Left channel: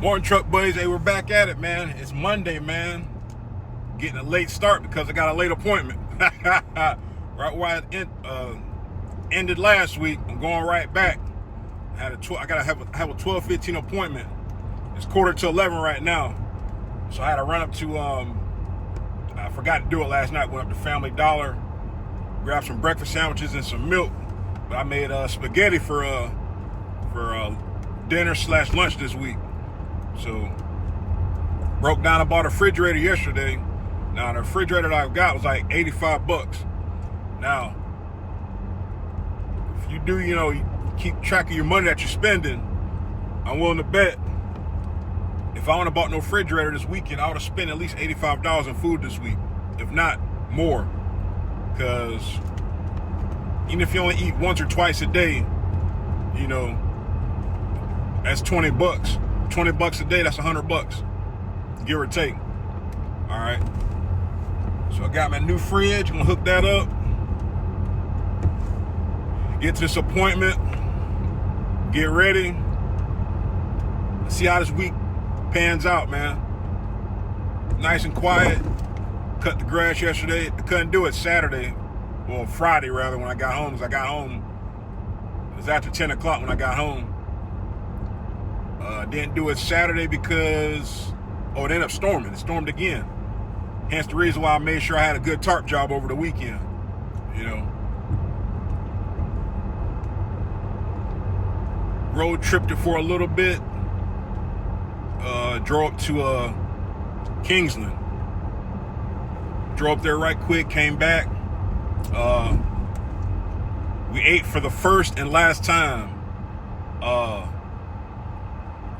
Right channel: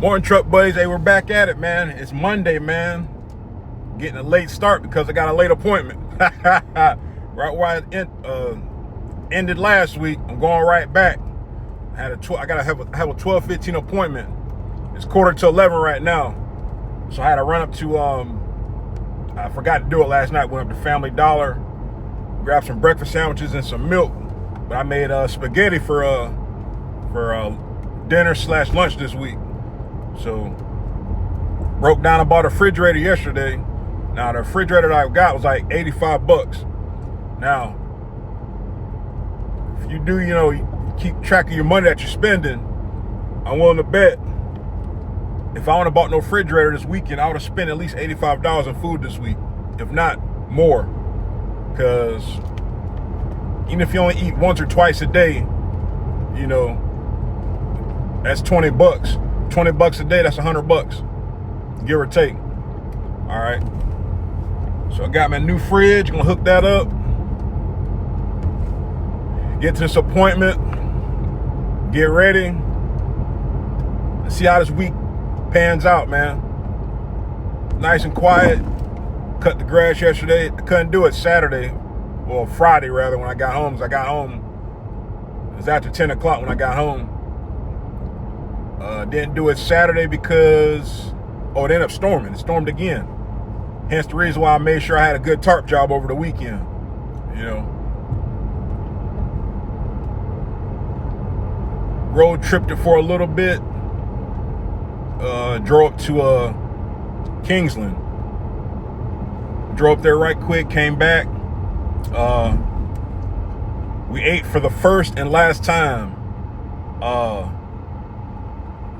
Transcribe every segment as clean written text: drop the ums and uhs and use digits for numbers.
Morning, truck buddies. Hey, we're back at it, man. It's Monday, man. Getting a late start because I got a late appointment. Right where I ended last week, I'm going right back. I gotta have a 12:15 appointment. It's 10:45 right now, so I had to run up to I forgot to do it last night. Went up to Family Dollar, grabbed some breakfast sandwiches and some milk. But I made spaghetti for dinner / lunch this week. So broke down and bought a refrigerator yesterday. Now the refrigerator that I got was like $85. Now, if you do, you keep track of your money that you're spending, I'm willing to bet if I wouldn't have bought no refrigerator this weekend, I would have spent at least $85 on food this week, if not more. Because even if you only eat once or twice a day, that's $20. $20 a day, that's $100, give or take. All right. So I got my new fridge, gonna hook that up. Get to this appointment, get ready, see how this week pans out, man. Nice and quiet. Cut the grass yesterday. I couldn't do it Saturday, well, Friday rather, when I got home. Because I got home, it was after 10 o'clock when I got home. Didn't do it Saturday because, it ended up storming. It stormed again. Hence the reason why I made sure I had a good tarp job over the weekend. Road tripped it for a little bit. Drove up to Kingsland. Drove up there right quick, came back. We ate for the first and last time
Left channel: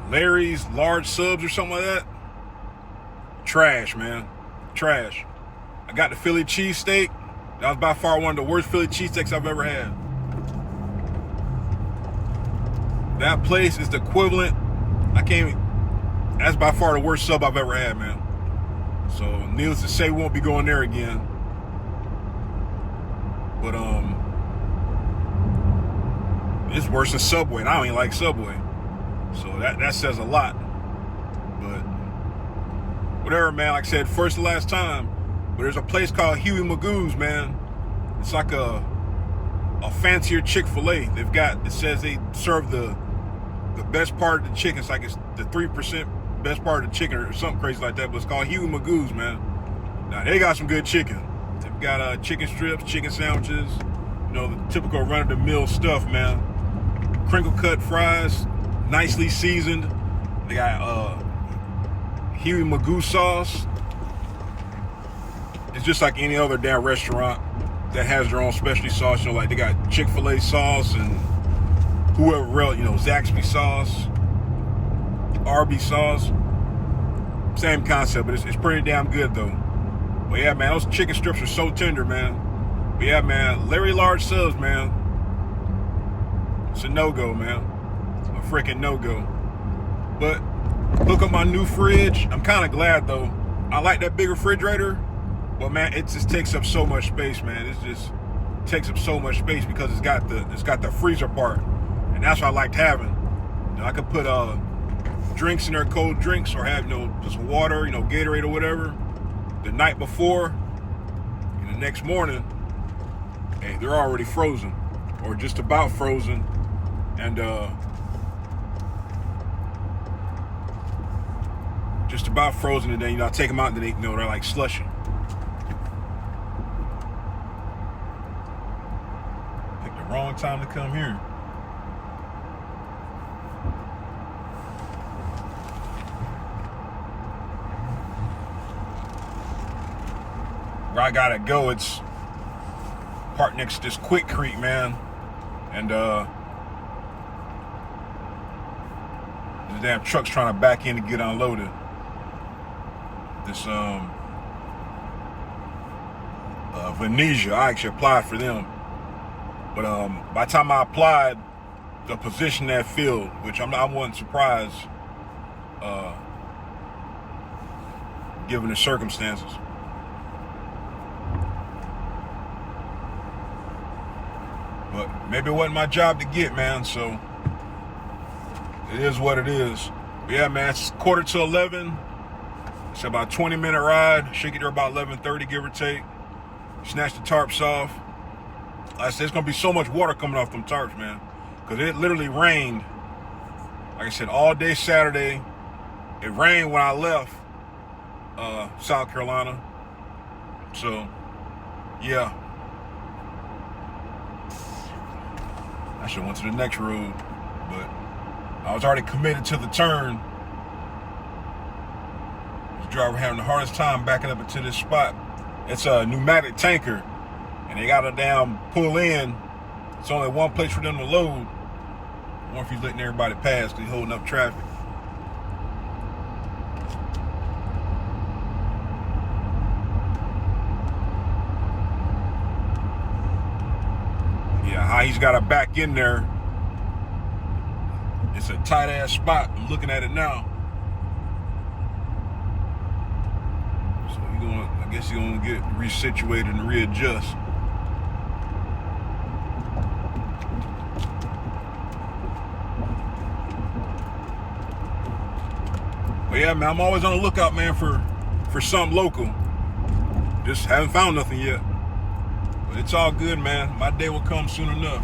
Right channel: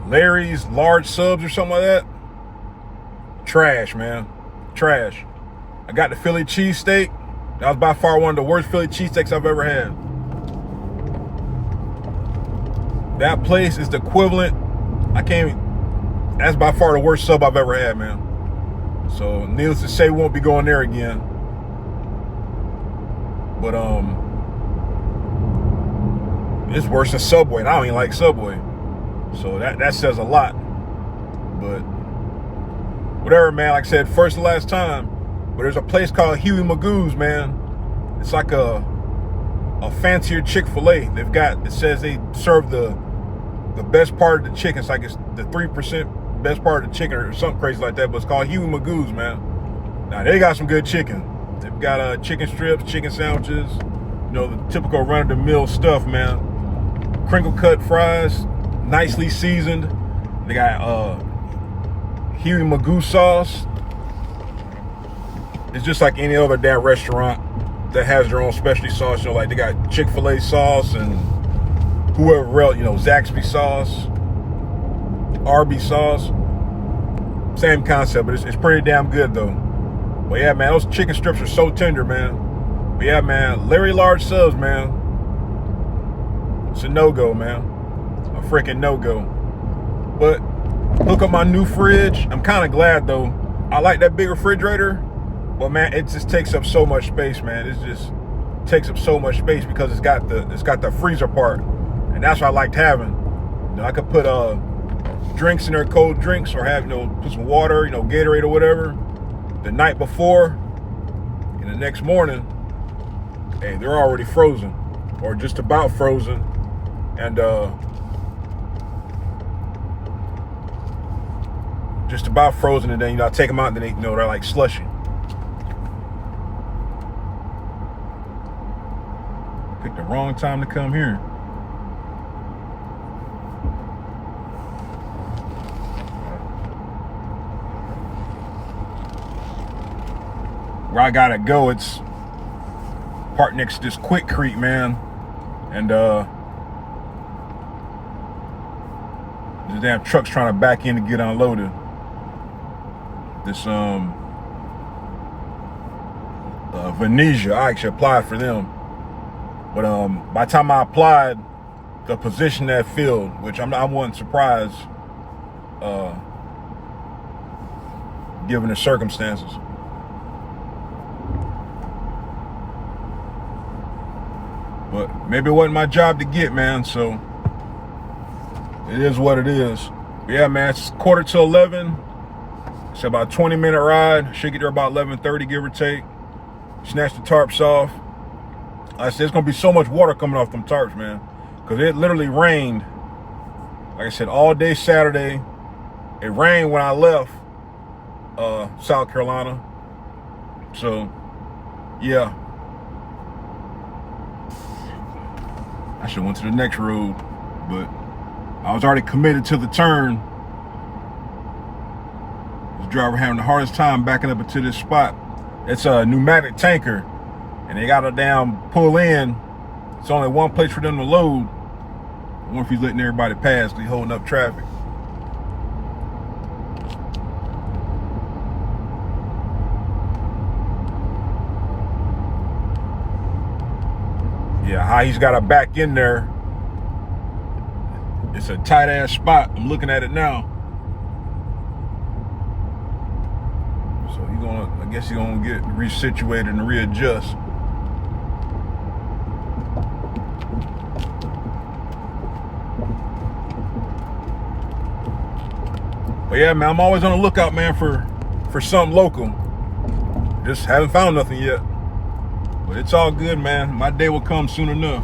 Larry's large subs or something like that. Trash, man. Trash. I got the Philly cheesesteak. That was by far one of the worst Philly cheesesteaks I've ever had. That place is the equivalent. That's by far the worst sub I've ever had, man. So needless to say, we won't be going there again. But it's worse than Subway, and I don't even like Subway. So that says a lot. But whatever, man. Like I said, first and last time. But there's a place called Huey Magoo's, man. It's like a fancier Chick-fil-A. It says they serve the best part of the chicken. It's like it's the 3% best part of the chicken or something crazy like that. But it's called Huey Magoo's, man. Now they got some good chicken. They've got chicken strips, chicken sandwiches, the typical run-of-the-mill stuff, man. Crinkle cut fries, nicely seasoned. They got Huey Magoo sauce. It's just like any other damn restaurant that has their own specialty sauce. Like they got Chick-fil-A sauce and whoever else, Zaxby sauce, Arby's sauce. Same concept, but it's pretty damn good though. But yeah, man, those chicken strips are so tender, man. But yeah, man, Larry large subs, man. It's a no-go, man. A freaking no-go. But hook up my new fridge. I'm kind of glad though. I like that big refrigerator, but man, it just takes up so much space, man. It just takes up so much space because it's got the freezer part, and that's what I liked having. I could put drinks in there, cold drinks, or have put some water, Gatorade or whatever, the night before, and the next morning, hey, they're already frozen or just about frozen, and just about frozen, and then I take them out, and then they're like slushy. Picked the wrong time to come here. Where I gotta go, it's parked next to this Quick Creek, man, and the damn truck's trying to back in to get unloaded. This Venetia, I actually applied for them, but by the time I applied, the position that filled, which I wasn't surprised, given the circumstances. But maybe it wasn't my job to get, man, so it is what it is. Yeah, man, it's 11:15. It's about a 20-minute ride. Should get there about 11:30, give or take. Snatch the tarps off. I said, it's going to be so much water coming off them tarps, man. Because it literally rained, like I said, all day Saturday. It rained when I left South Carolina. So, yeah. I should have went to the next road, but I was already committed to the turn. This driver having the hardest time backing up into this spot. It's a pneumatic tanker, and they got to damn pull in. It's only one place for them to load. I wonder if he's letting everybody pass because he's holding up traffic. Yeah, how he's got to back in there. It's a tight ass spot. I'm looking at it now. So I guess he's gonna get resituated and readjust. But yeah, man, I'm always on the lookout, man, for something local. Just haven't found nothing yet. But it's all good, man. My day will come soon enough.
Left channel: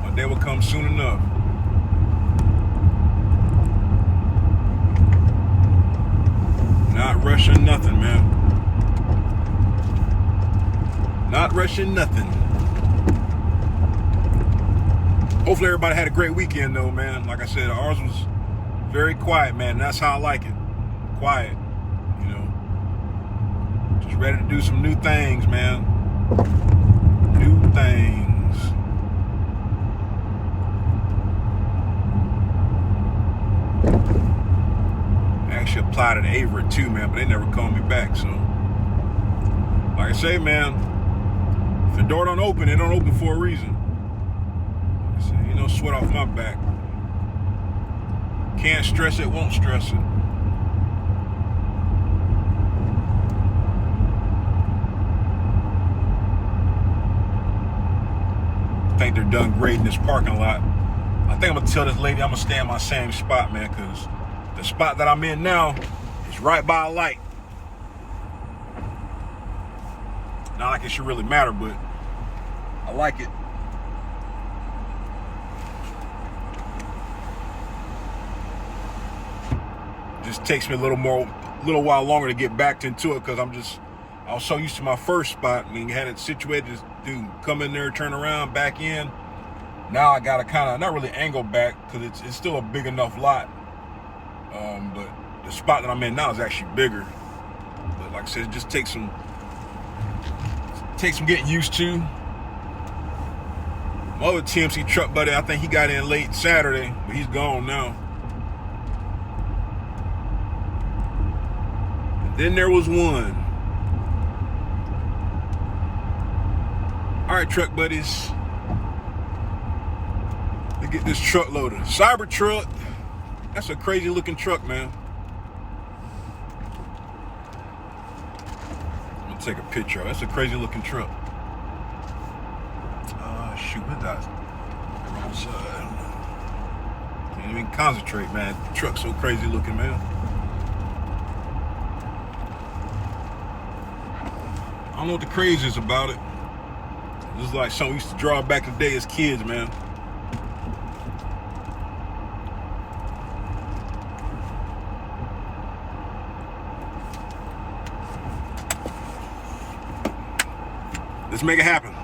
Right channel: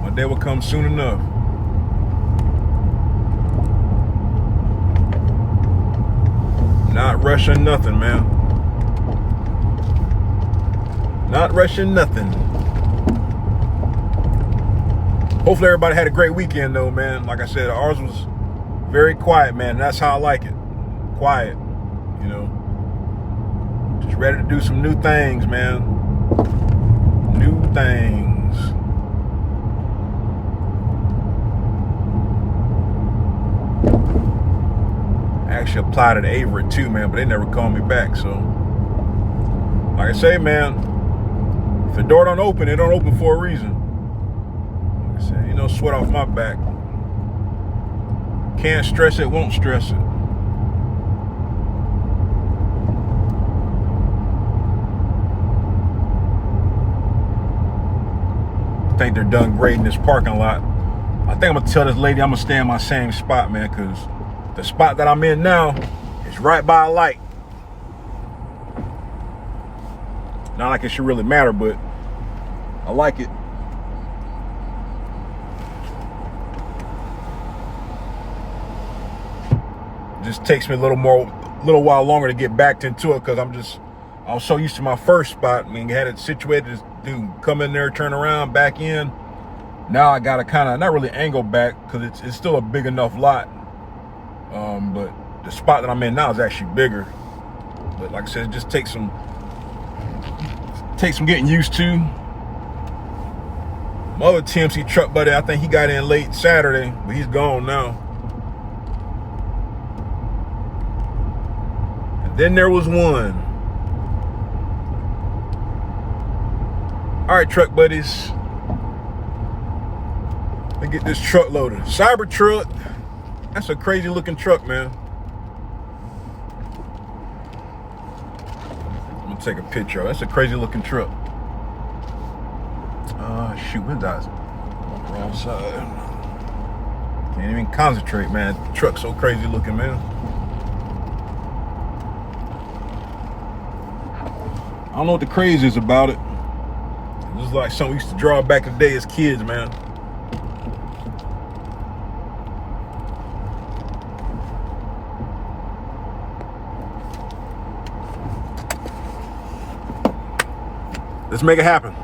My day will come soon enough. Not rushing nothing, man. Not rushing nothing. Hopefully everybody had a great weekend, though, man. Like I said, ours was very quiet, man. That's how I like it. Quiet, you know. Just ready to do some new things, man. New things. I actually applied at Averett too, man, but they never called me back. So, like I say, man, if the door don't open, it don't open for a reason. Like I say, ain't no sweat off my back. Can't stress it, won't stress it. I think they're done grading this parking lot. I think I'm gonna tell this lady I'm gonna stay in my same spot, man, because the spot that I'm in now is right by a light. Not like it should really matter, but I like it. Just takes me a little while longer to get back into it because I was so used to my first spot. I mean, had it situated to come in there, turn around, back in. Now I gotta kind of not really angle back because it's still a big enough lot. But the spot that I'm in now is actually bigger. But like I said, it just takes some getting used to. My other TMC truck buddy, I think he got in late Saturday, but he's gone now. And then there was one. All right, truck buddies. Let's get this truck loaded. Cybertruck. That's a crazy looking truck, man. I'm gonna take a picture of it. That's a crazy looking truck. Shoot, what's that? Wrong side. Can't even concentrate, man. The truck's so crazy looking, man. I don't know what the craze is about it. This is like something we used to draw back in the day as kids, man. Let's make it happen.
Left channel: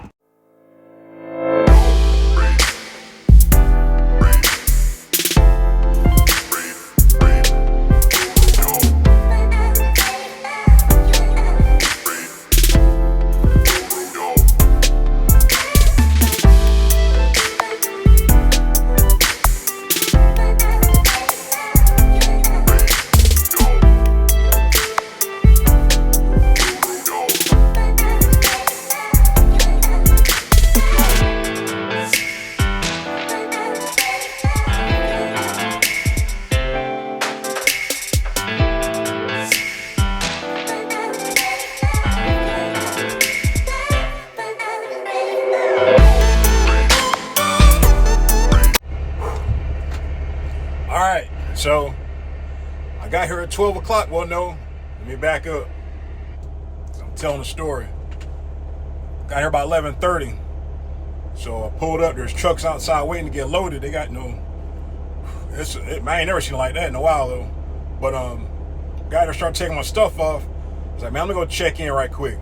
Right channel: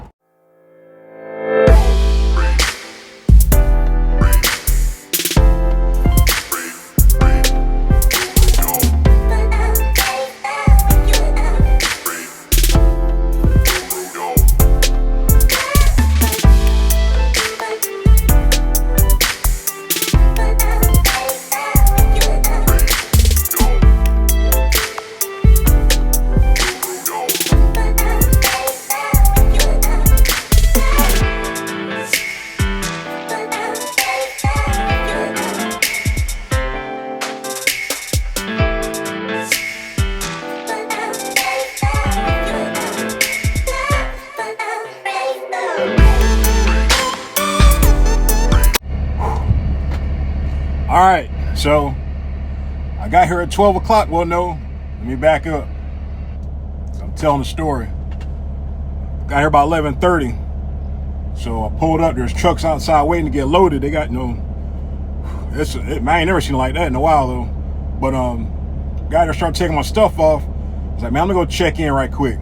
So I got here at 12 o'clock. Well, no, let me back up. I'm telling the story. Got here about 11:30. So I pulled up. There's trucks outside waiting to get loaded. They got I ain't never seen it like that in a while though. But got there, started taking my stuff off. I was like, man, I'm gonna go check in right quick.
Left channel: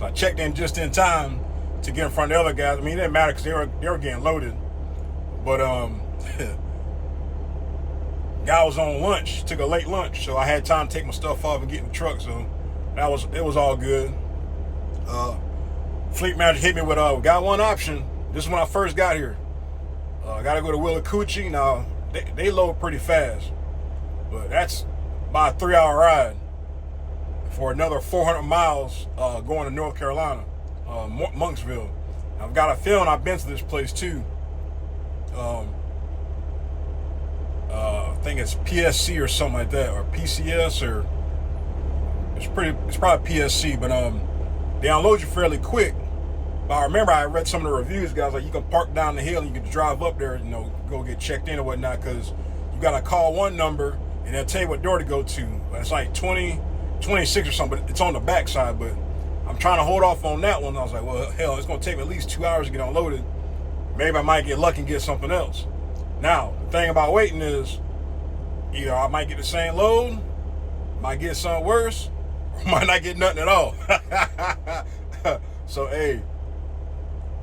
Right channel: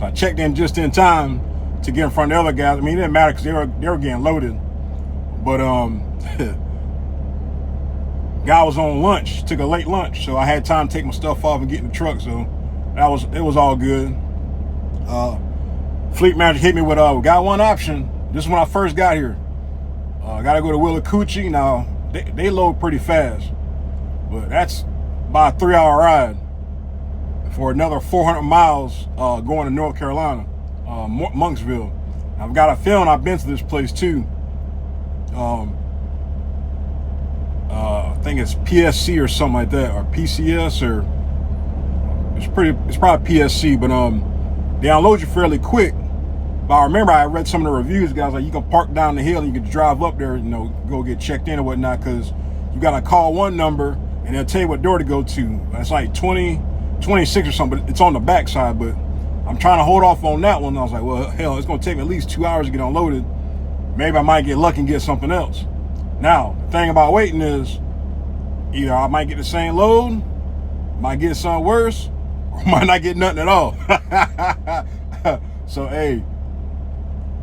So I checked in just in time to get in front of the other guys. I mean, it didn't matter because they were getting loaded. But guy was on lunch, took a late lunch, so I had time to take my stuff off and get in the truck. So it was all good. Fleet manager hit me with got one option. This is when I first got here. Gotta go to Willacoochee. Now they load pretty fast, but that's about a 3-hour ride for another 400 miles going to North Carolina, Monksville. I've got a feeling I've been to this place too. I think it's PSC or something like that, or PCS, or it's probably PSC, but they unload you fairly quick. But I remember I read some of the reviews, guys, like you can park down the hill and you can drive up there, go get checked in or whatnot, because you gotta call one number and they'll tell you what door to go to. It's like 26 or something, but it's on the back side. But I'm trying to hold off on that one. I was like, well, hell, it's gonna take me at least 2 hours to get unloaded. Maybe I might get lucky and get something else. Now, the thing about waiting is either I might get the same load, might get something worse, or might not get nothing at all. So, hey,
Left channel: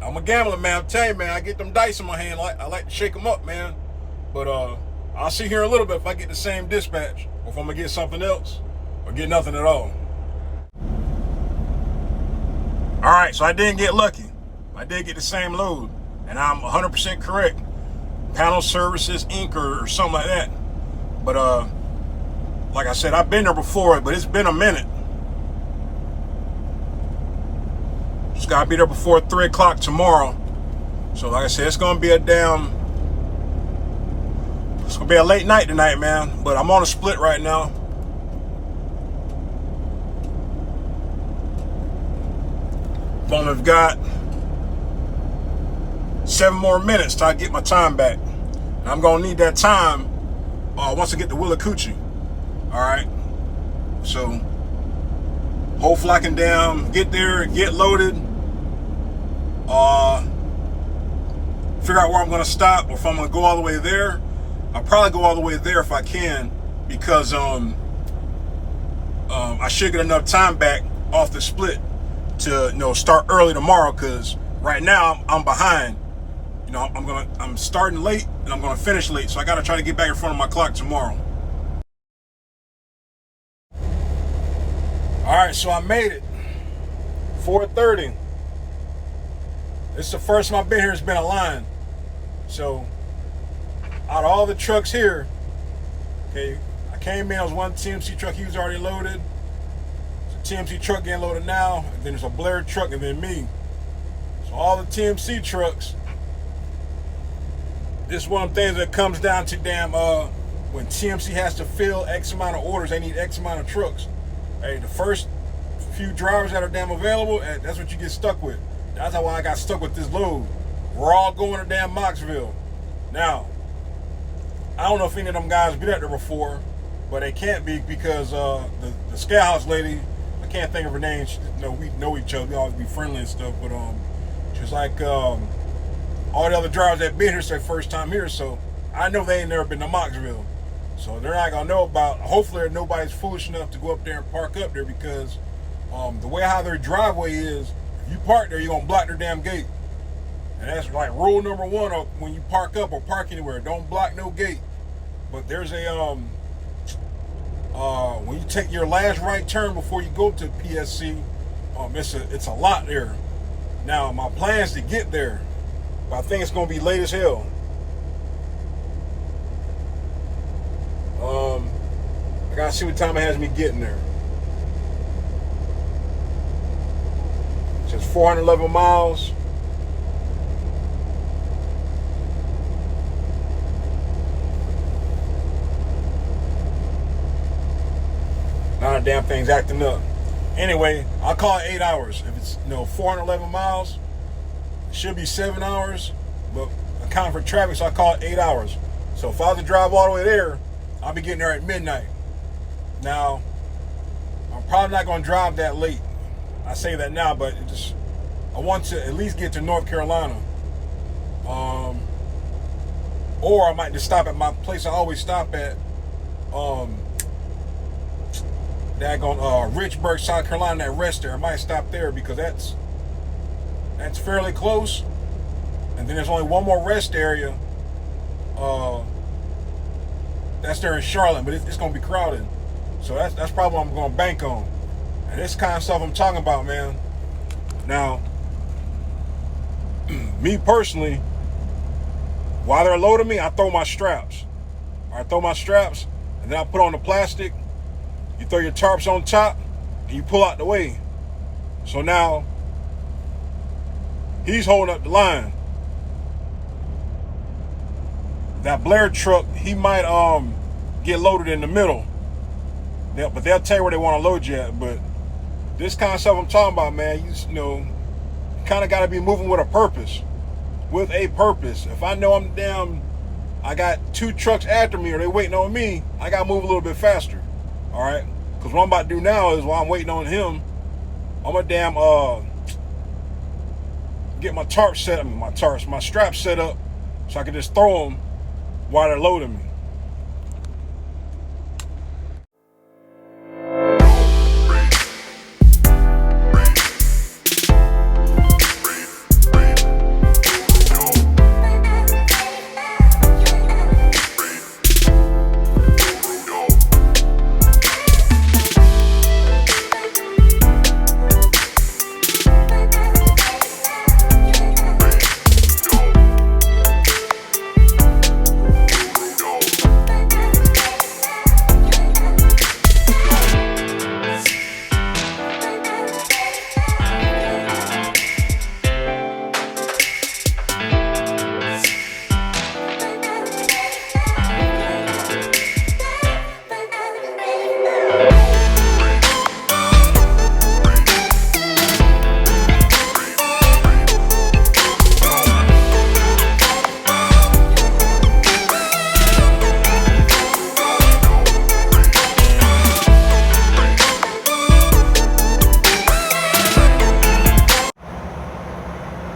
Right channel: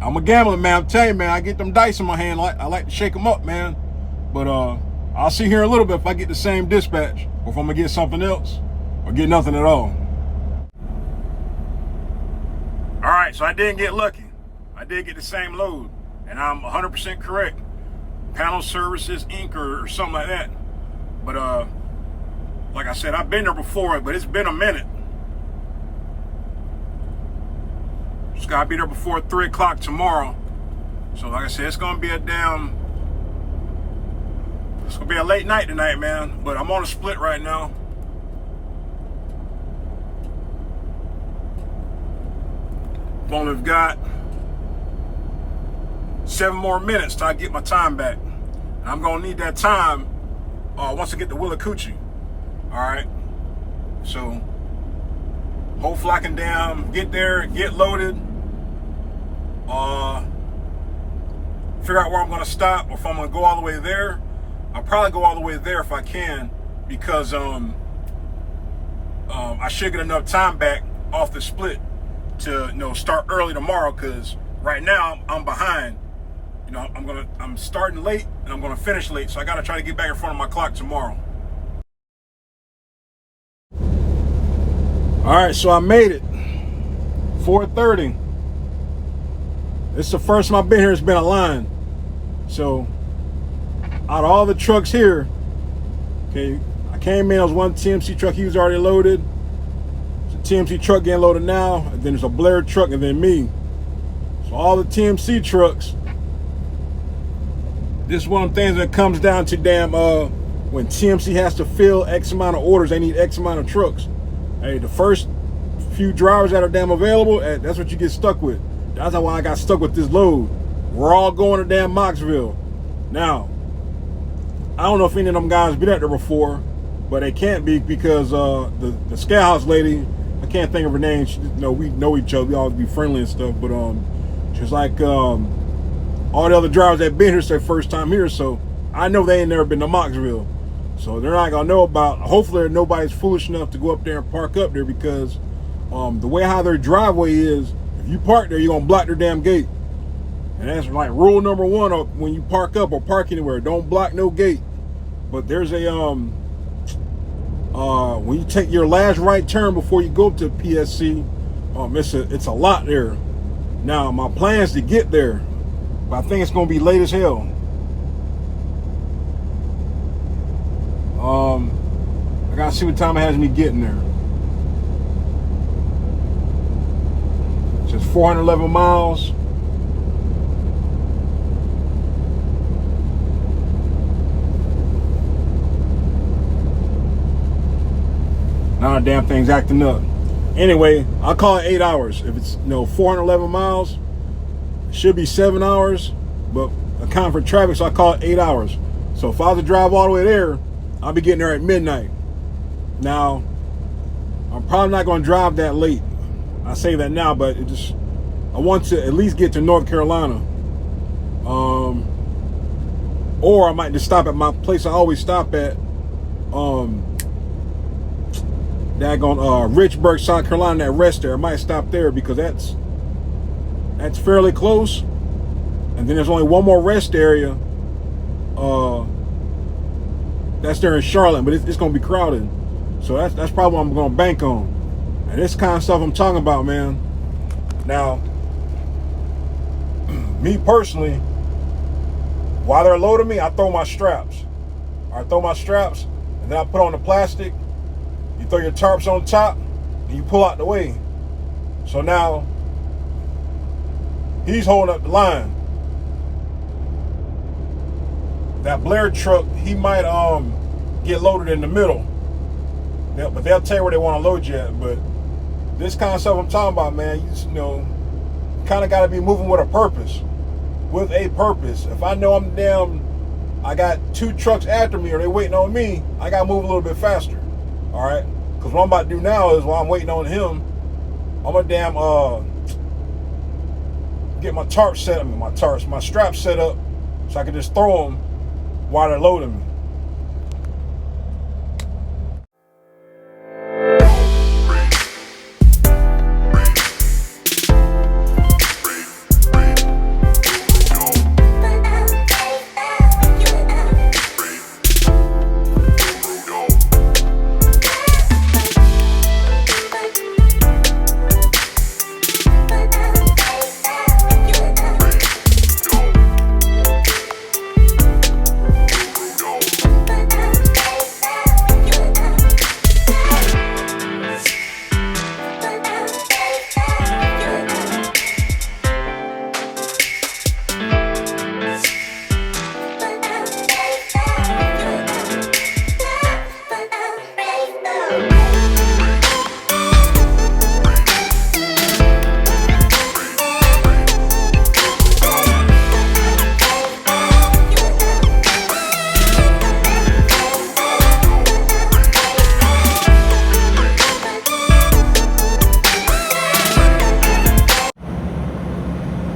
I'm a gambler, man. I'm telling you, man, I get them dice in my hand. I like to shake them up, man. But I'll see here in a little bit if I get the same dispatch, or if I'm going to get something else, or get nothing at all. All right, so I didn't get lucky. I did get the same load, and I'm 100% correct. Panel Services, Inc., or something like that. But like I said, I've been there before, but it's been a minute. Just gotta be there before 3 o'clock tomorrow. So like I said, it's gonna be a late night tonight, man. But I'm on a split right now. I've only got 7 more minutes till I get my time back. And I'm gonna need that time once I get to Willacoochee. All right. So hopefully I can get there, get loaded, figure out where I'm gonna stop, or if I'm gonna go all the way there. I'll probably go all the way there if I can, because I should get enough time back off the split to start early tomorrow, because right now I'm behind. I'm starting late and I'm gonna finish late, so I gotta try to get back in front of my clock tomorrow. All right, so I made it. 4:30. It's the first time I've been here. It's been a line. So out of all the trucks here, okay, I came in. There was one TMC truck. He was already loaded. It's a TMC truck getting loaded now. And then there's a Blair truck, and then me. So all the TMC trucks. This is one of the things that comes down to when TMC has to fill X amount of orders, they need X amount of trucks. Hey, the first few drivers that are available, that's what you get stuck with. That's why I got stuck with this load. We're all going to Moxville. Now, I don't know if any of them guys been out there before, but they can't be, because the scale house lady, I can't think of her name. We know each other. We always be friendly and stuff. But she's like, all the other drivers that been here, it's their first time here, so I know they ain't never been to Moxville. So they're not gonna know about. Hopefully nobody's foolish enough to go up there and park up there, because the way how their driveway is, if you park there, you're gonna block their damn gate. And that's like rule number 1 when you park up or park anywhere. Don't block no gate. But there's a when you take your last right turn before you go up to PSC, it's a lot there. Now my plan is to get there, but I think it's gonna be late as hell. I gotta see what time it has me getting there. Just 411 miles. Now the damn thing's acting up. Anyway, I'll call it 8 hours. If it's 411 miles, it should be 7 hours, but account for traffic, so I call it 8 hours. So if I was to drive all the way there, I'll be getting there at midnight. Now, I'm probably not going to drive that late. I say that now, but I want to at least get to North Carolina. Or I might just stop at my place I always stop at. Richburg, South Carolina, that rest there. I might stop there because that's fairly close. And then there's only one more rest area. That's there in Charlotte, but it's gonna be crowded. So that's probably what I'm gonna bank on. And this kind of stuff I'm talking about, man. Now, me personally, while they're loading me, I throw my straps. I throw my straps, and then I put on the plastic. You throw your tarps on top, and you pull out the way. So now, he's holding up the line. That Blair truck, he might get loaded in the middle. But they'll tell you where they want to load you at. But this kind of stuff I'm talking about, man, you kind of got to be moving with a purpose. With a purpose. If I know I got 2 trucks after me or they waiting on me, I got to move a little bit faster. All right? Because what I'm about to do now is while I'm waiting on him, I'm going to get my my straps set up so I can just throw them while they're loading me.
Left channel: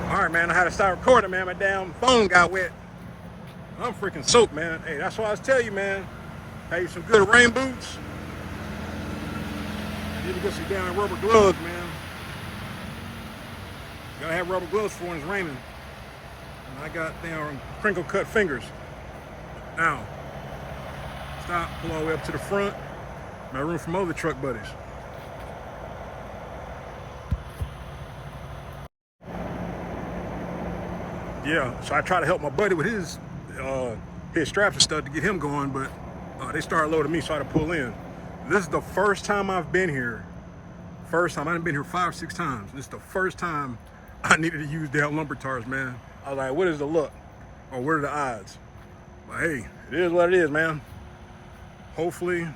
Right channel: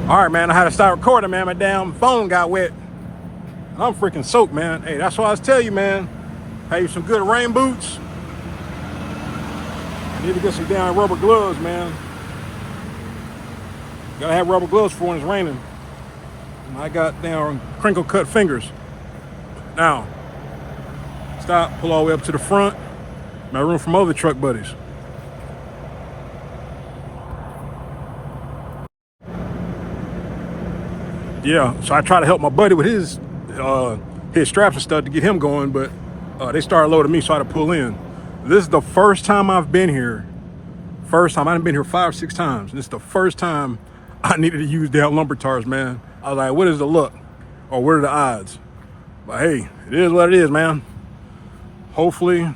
All right, man, I had to start recording, man. My damn phone got wet. I'm freaking soaked, man. Hey, that's what I was telling you, man. Have you some good rain boots. I need to get some damn rubber gloves, man. Gotta have rubber gloves for when it's raining. I got damn crinkle cut fingers. Now, stop, pull all the way up to the front. My room from other truck buddies. Yeah, so I try to help my buddy with his straps and stuff to get him going, but they started loading me, so I had to pull in. This is the first time I've been here. First time. I haven't been here 5 or 6 times. This is the first time I needed to use damn lumber tars, man. I was like, what is the luck? Or what are the odds? But hey, it is what it is, man. Hopefully,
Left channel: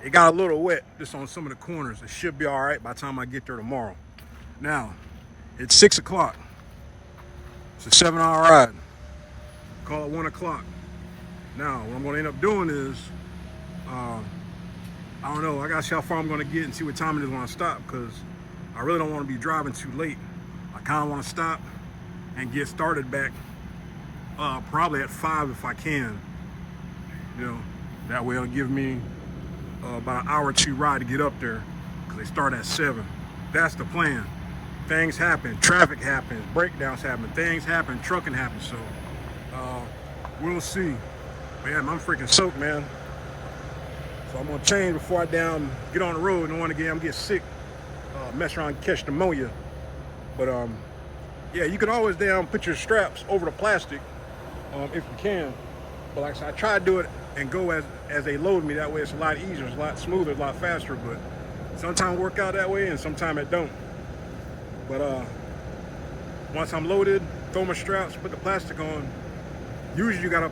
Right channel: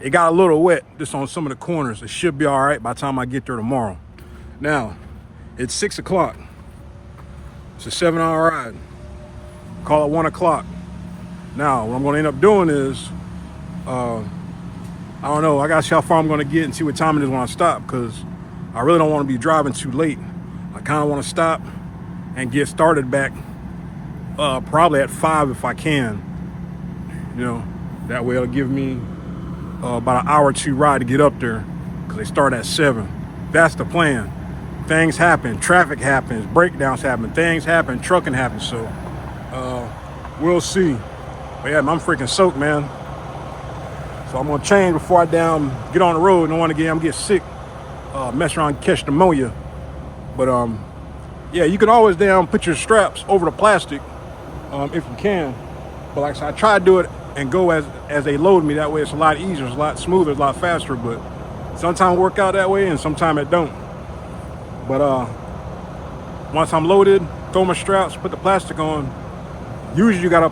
it got a little wet just on some of the corners. It should be all right by the time I get there tomorrow. Now, it's 6 o'clock. It's a 7-hour ride. Call it 1 o'clock. Now, what I'm going to end up doing is, I don't know. I got to see how far I'm going to get and see what time it is when I stop, because I really don't want to be driving too late. I kind of want to stop and get started back probably at 5 if I can. You know, that way it'll give me about an hour or 2 ride to get up there, because they start at 7. That's the plan. Things happen, traffic happens, breakdowns happen, things happen, trucking happens. So we'll see. But yeah, I'm freaking soaked, man. So I'm gonna change before I get on the road. Don't want to get sick, mess around and catch pneumonia. But yeah, you can always put your straps over the plastic if you can. But like I said, I try to do it and go as they load me. That way it's a lot easier, it's a lot smoother, it's a lot faster. But sometimes it work out that way and sometimes it don't. But once I'm loaded, throw my straps, put the plastic on. Usually you gotta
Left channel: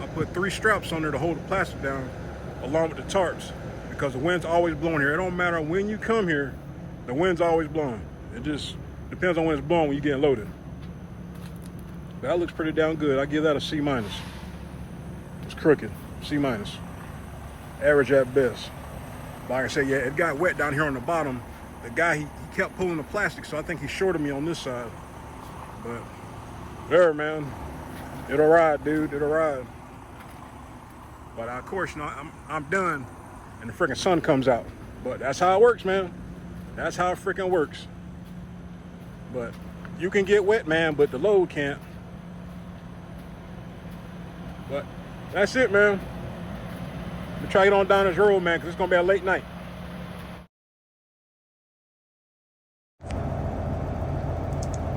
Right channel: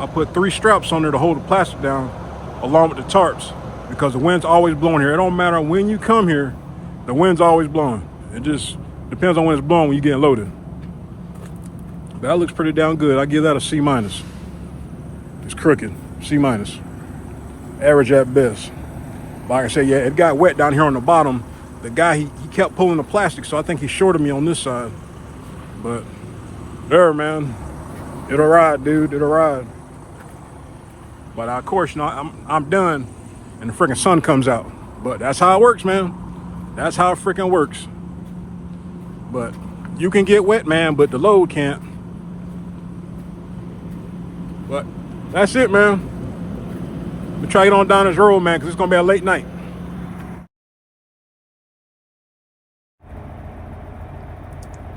I put 3 straps on there to hold the plastic down along with the tarps, because the wind's always blowing here. It don't matter when you come here, the wind's always blowing. It just depends on when it's blowing when you get loaded. But that looks pretty damn good. I give that a C-. It's crooked. C minus. Average at best. Like I said, yeah, it got wet down here on the bottom. The guy, he kept pulling the plastic, so I think he shorted me on this side. But there, man, it'll ride, dude. It'll ride. But of course, you know, I'm done, and the freaking sun comes out. But that's how it works, man. That's how it freaking works. But you can get wet, man, but the load can't. But that's it, man. We'll try to get on down this road, man, because it's gonna be a late night.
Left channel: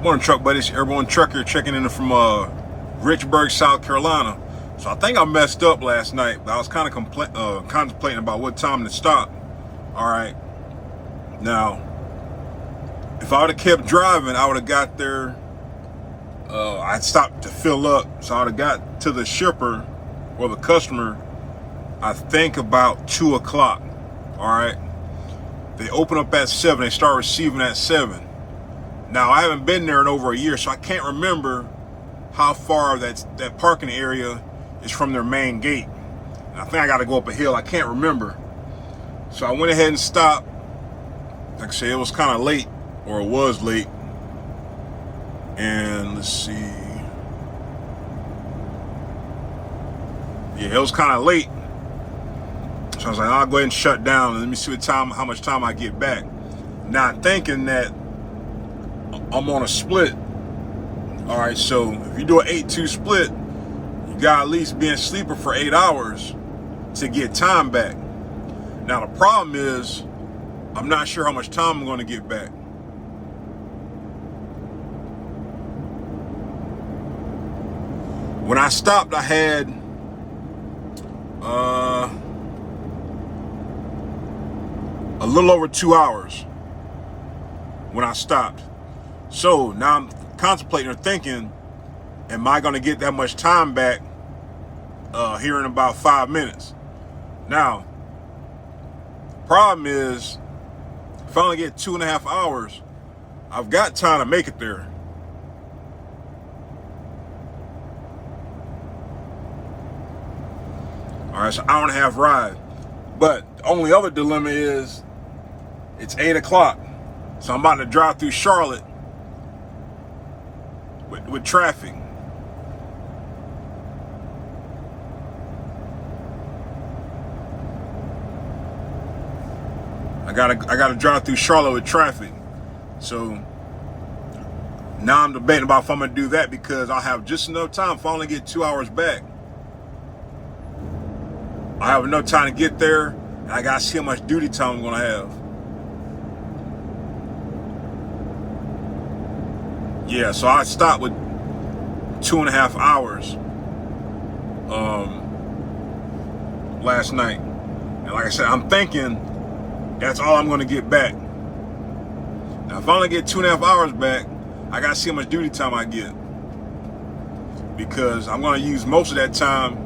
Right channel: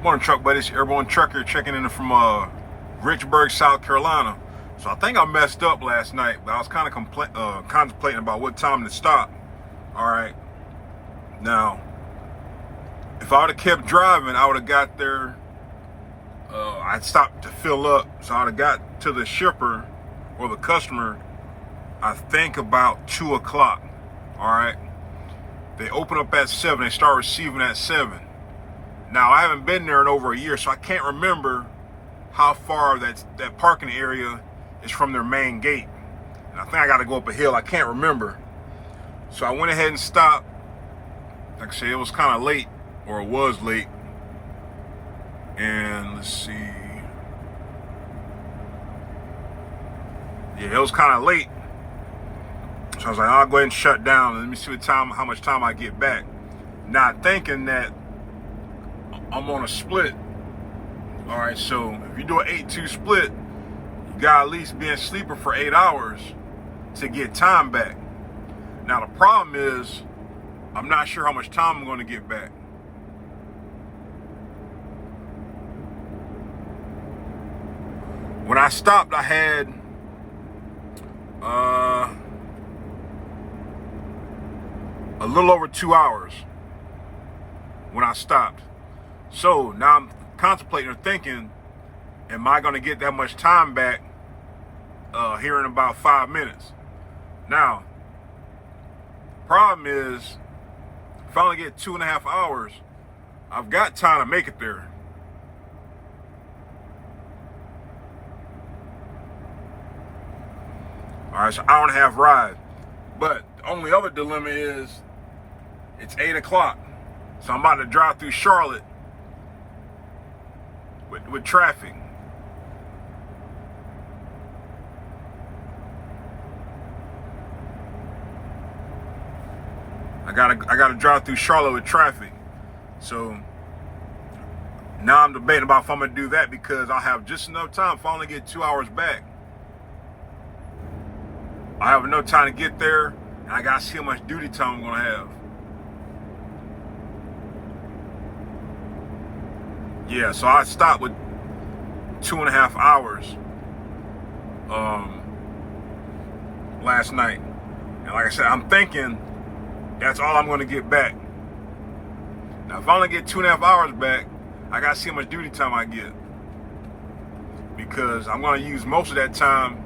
Morning, truck buddies. Airborne Trucker checking in from Richburg, South Carolina. So I think I messed up last night, but I was kind of contemplating about what time to stop. All right. Now, if I would have kept driving, I would have got there. I'd stopped to fill up, so I would have got to the shipper or the customer, I think about 2 o'clock. All right. They open up at 7. They start receiving at 7. Now, I haven't been there in over a year, so I can't remember how far that parking area is from their main gate. And I think I got to go up a hill. I can't remember. So I went ahead and stopped. Like I said, it was kind of late, or it was late. And let's see. Yeah, it was kind of late. So I was like, I'll go ahead and shut down and let me see how much time I get back. Not thinking that I'm on a split. All right, so if you do an 8-2 split, you got at least be in sleeper for 8 hours to get time back. Now the problem is, I'm not sure how much time I'm going to get back. When I stopped, I had a little over 2 hours when I stopped. So now I'm contemplating or thinking, am I going to get that much time back here in about 5 minutes? Now, problem is, if I only get 2.5 hours, I've got time to make it there. All right, so hour and a half ride. But the only other dilemma is it's 8 o'clock. So I'm about to drive through Charlotte with traffic. I gotta drive through Charlotte with traffic. So now I'm debating about if I'm gonna do that, because I'll have just enough time if I only get 2 hours back. I have enough time to get there, and I gotta see how much duty time I'm gonna have. Yeah, so I stopped with 2.5 hours last night. And like I said, I'm thinking that's all I'm gonna get back. Now, if I only get 2.5 hours back, I gotta see how much duty time I get, because I'm gonna use most of that time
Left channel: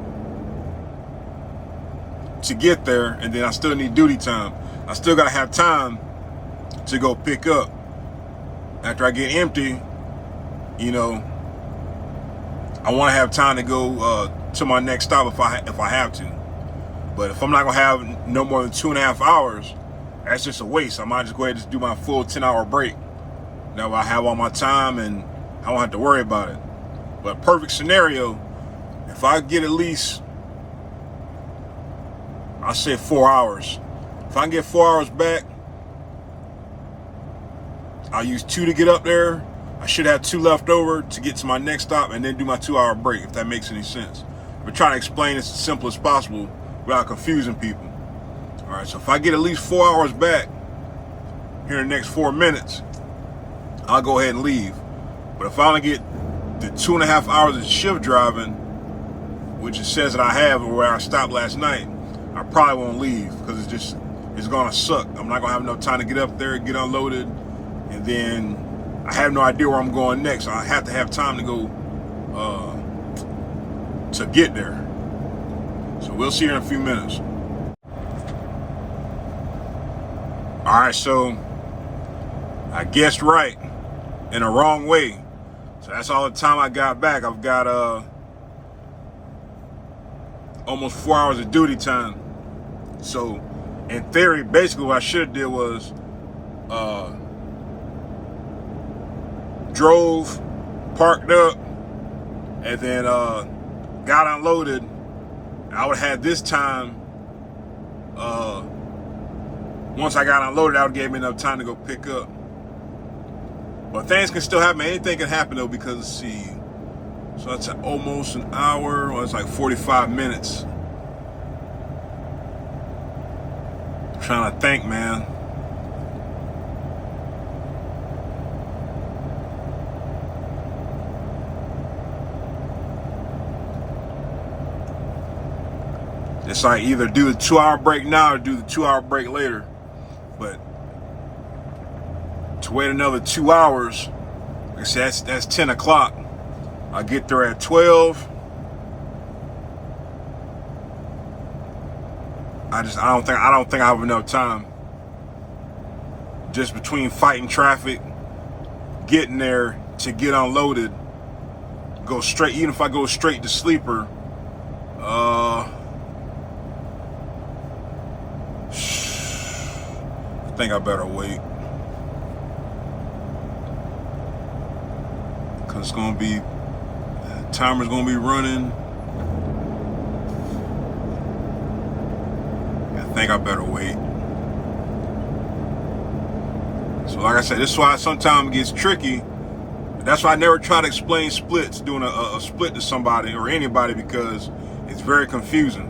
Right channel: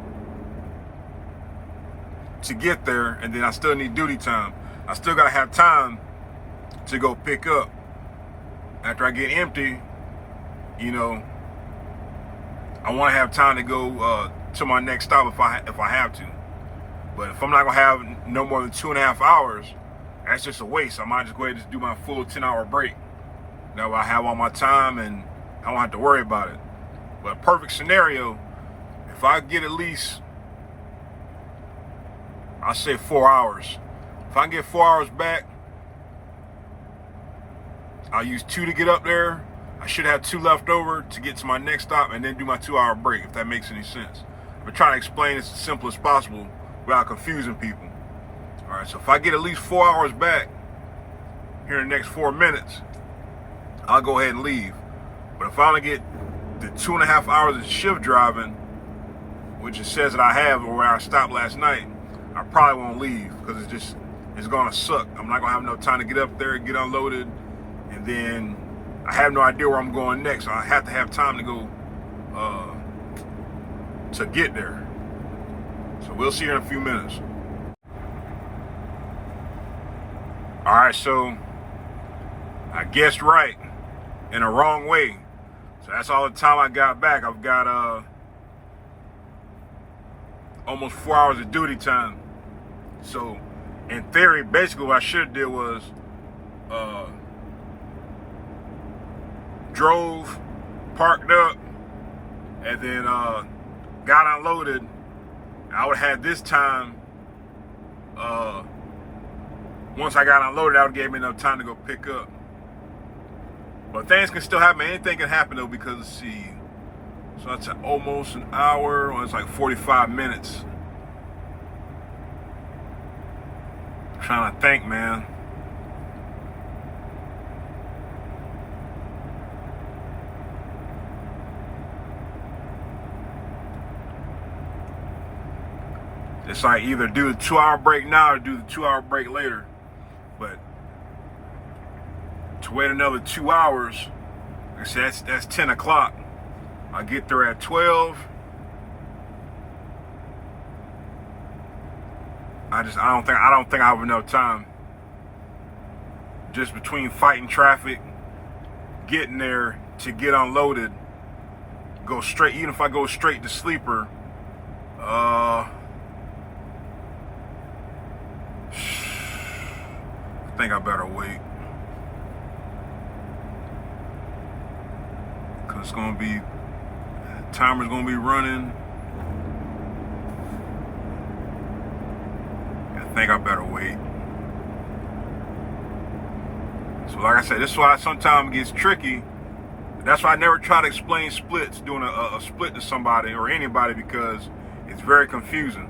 to get there, and then I still need duty time. I still gotta have time to go pick up. After I get empty, you know, I want to have time to go to my next stop if I have to. But if I'm not gonna have no more than 2.5 hours, that's just a waste. I might just go ahead and just do my full 10-hour break. Now I have all my time and I don't have to worry about it. But perfect scenario, if I get at least, I'll say 4 hours. If I can get 4 hours back, I'll use 2 to get up there. I should have 2 left over to get to my next stop and then do my 2-hour break, if that makes any sense. I've been trying to explain this as simple as possible without confusing people. All right, so if I get at least 4 hours back here in the next 4 minutes, I'll go ahead and leave. But if I only get the 2.5 hours of shift driving, which it says that I have, or where I stopped last night, I probably won't leave, because it's gonna suck. I'm not gonna have enough time to get up there, get unloaded, and then I have no idea where I'm going next. So I have to have time to go to get there. So we'll see you in a few minutes. All right, so I guessed right in a wrong way. So that's all the time I got back. I've got almost 4 hours of duty time. So in theory, basically what I should have did was drove, parked up, and then got unloaded. I would have had this time. Once I got unloaded, that would give me enough time to go pick up. But things can still happen. Anything can happen though, because let's see. So that's almost an hour. Well, it's like 45 minutes. I'm trying to think, man. It's like either do the 2-hour break now or do the 2-hour break later. But to wait another 2 hours, like I said, that's 10 o'clock. I get there at 12. I don't think I have enough time. Just between fighting traffic, getting there to get unloaded, go straight. Even if I go straight to sleeper, I think I better wait. Cause it's gonna be, timer's gonna be running. I think I better wait. So like I said, this is why sometimes it gets tricky. That's why I never try to explain splits, doing a split to somebody or anybody, because it's very confusing.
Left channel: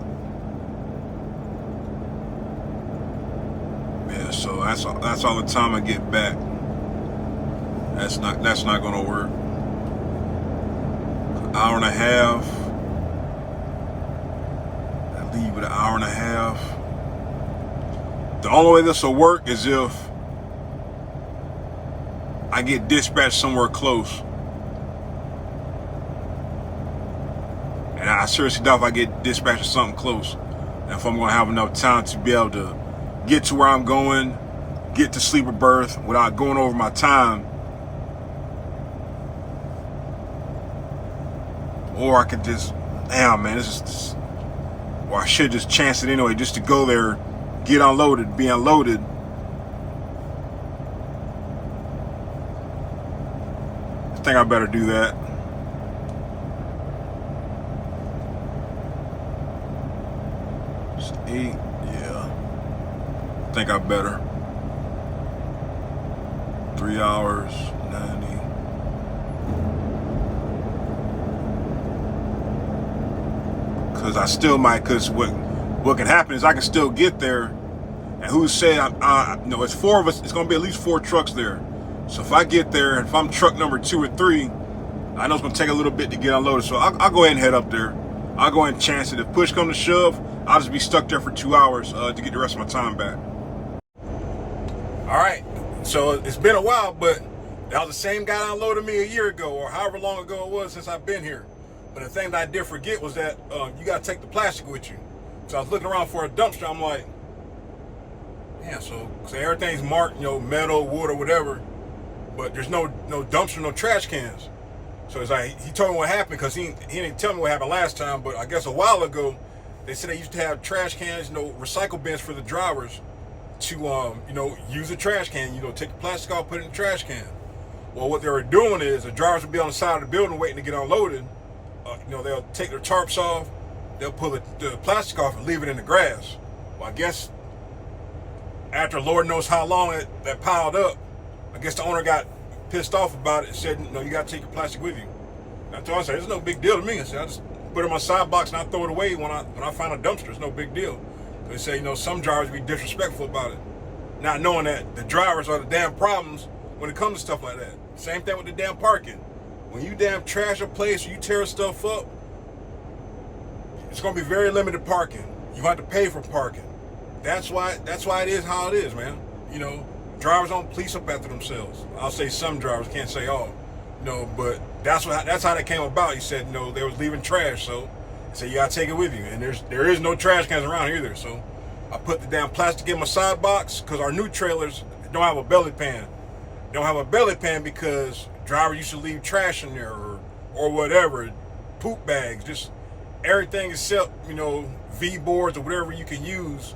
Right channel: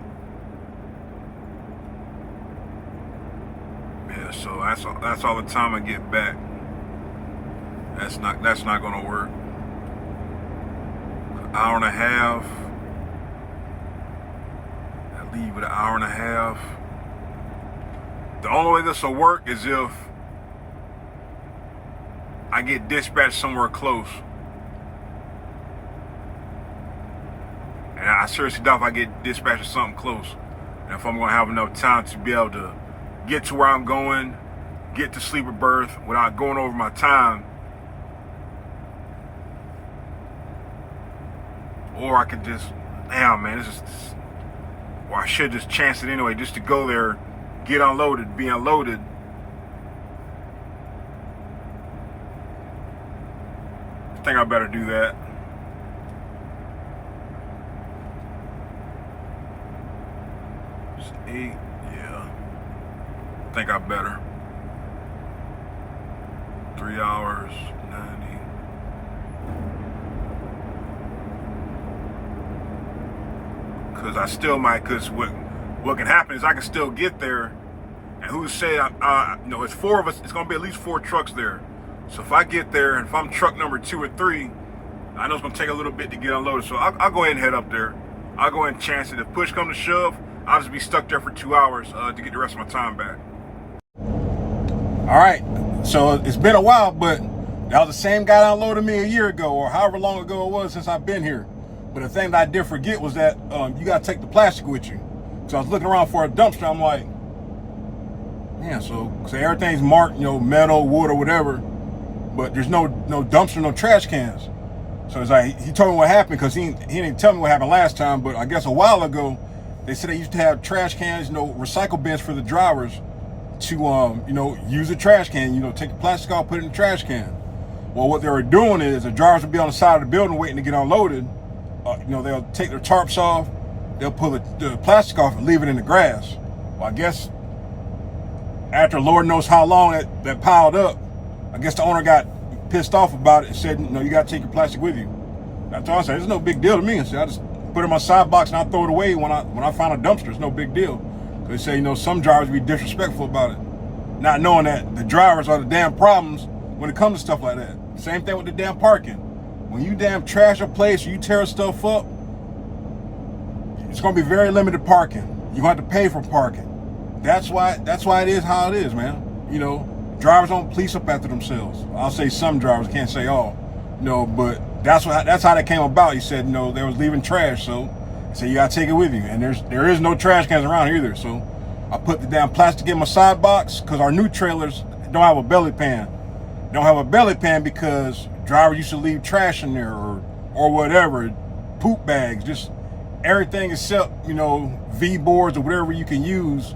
Yeah, so that's all the time I get back. That's not gonna work. An hour and a half. I leave with an hour and a half. The only way this will work is if I get dispatched somewhere close. And I seriously doubt if I get dispatched to something close. And if I'm gonna have enough time to be able to get to where I'm going, get to sleeper berth without going over my time. Or I could just, damn man, or I should just chance it anyway, just to go there, get unloaded, be unloaded. I think I better do that. It's 8, yeah. I think I better. 3 hours, 90. Cause I still might, cause what can happen is I can still get there, and who said, it's 4 of us, it's gonna be at least 4 trucks there. So if I get there, and if I'm truck number 2 or 3, I know it's gonna take a little bit to get unloaded. So I'll go ahead and head up there. I'll go ahead and chance it. If push comes to shove, I'll just be stuck there for 2 hours to get the rest of my time back. All right, so it's been a while, but that was the same guy that unloaded me a year ago, or however long ago it was since I've been here. But the thing that I did forget was that you gotta take the plastic with you. So I was looking around for a dumpster. I'm like, man, so everything's marked, metal, wood, or whatever, but there's no dumpster, no trash cans. So it's like, he told me what happened, because he didn't tell me what happened last time, but I guess a while ago, they said they used to have trash cans, recycle bins for the drivers to, use a trash can, take the plastic off, put it in the trash can. Well, what they were doing is the drivers would be on the side of the building waiting to get unloaded. They'll take their tarps off, they'll pull the plastic off and leave it in the grass. Well, I guess after Lord knows how long that piled up, I guess the owner got pissed off about it and said, you got to take your plastic with you. And I told him, I said, it's no big deal to me. I said, I just put it in my side box and I throw it away when I find a dumpster. It's no big deal. They say, some drivers be disrespectful about it, not knowing that the drivers are the damn problems when it comes to stuff like that. Same thing with the damn parking. When you damn trash a place or you tear stuff up, it's gonna be very limited parking. You have to pay for parking. That's why it is how it is, man. Drivers don't police up after themselves. I'll say some drivers, can't say all. But that's how that came about. He said, they was leaving trash, so he said you gotta take it with you. And there is no trash cans around here either. So I put the damn plastic in my side box, because our new trailers don't have a belly pan. They don't have a belly pan because drivers used to leave trash in there or whatever, poop bags, just everything except, V boards or whatever you can use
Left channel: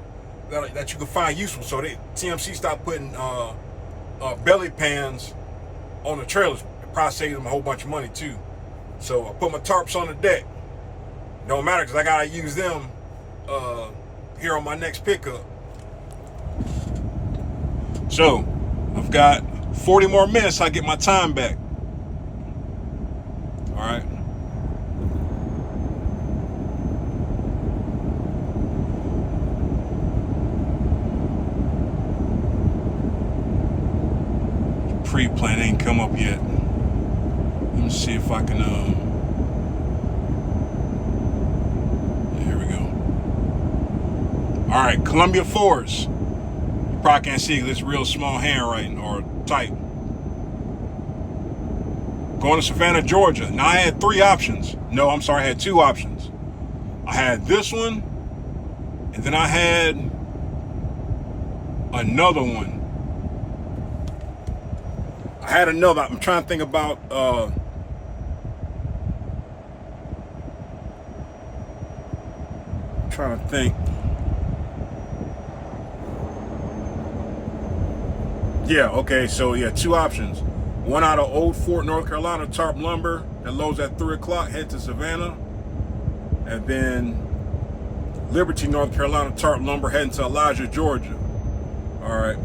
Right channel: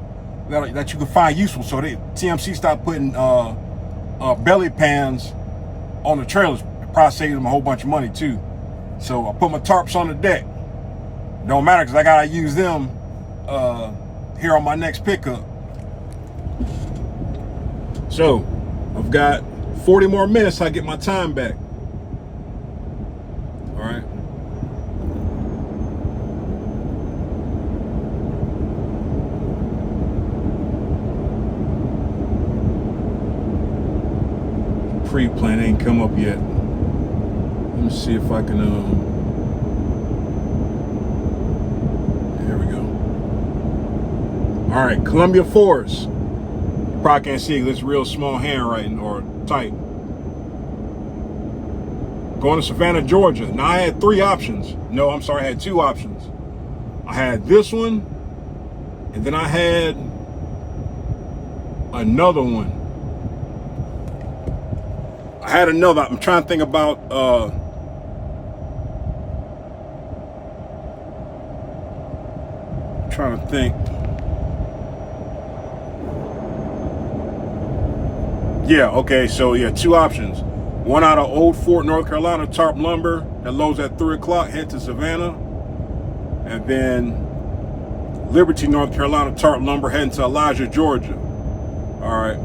that you can find useful. So TMC stopped putting belly pans on the trailers. It probably saved them a whole bunch of money too. So I put my tarps on the deck. Don't matter because I gotta use them here on my next pickup. So I've got 40 more minutes till I get my time back. All right. Pre-plan ain't come up yet. Let me see if I can there we go. All right, Columbia Forest. You probably can't see because it's real small handwriting or type. Going to Savannah, Georgia. Now I had 3 options. No, I'm sorry, I had 2 options. I had this one, and then I had another one. I'm trying to think about Yeah, okay, so yeah, 2 options. One out of Old Fort, North Carolina, tarp lumber that loads at 3 o'clock, head to Savannah. And then Liberty, North Carolina, tarp lumber heading to Elijah, Georgia. All right.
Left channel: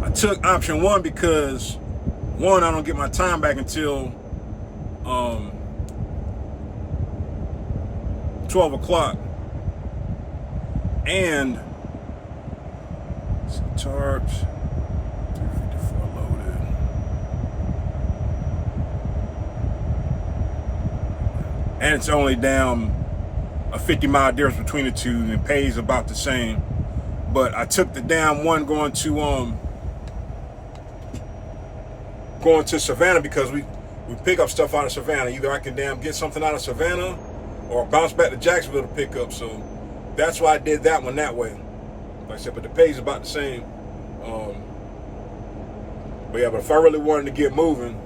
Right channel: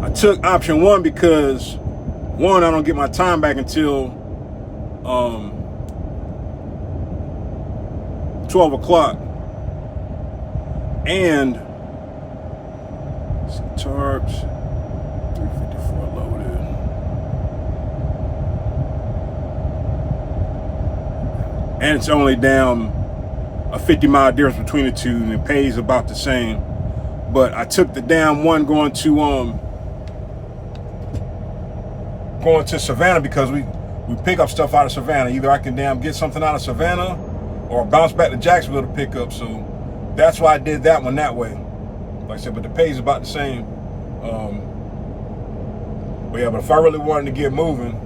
I took option 1 because 1, I don't get my time back until 12 o'clock. And tarps, 354 loaded. And it's only down a 50-mile difference between the two, and it pays about the same. But I took the down one going to Savannah because we pick up stuff out of Savannah. Either I can get something out of Savannah or bounce back to Jacksonville to pick up. So that's why I did that one that way. Like I said, but the pay is about the same. But if I really wanted to get moving,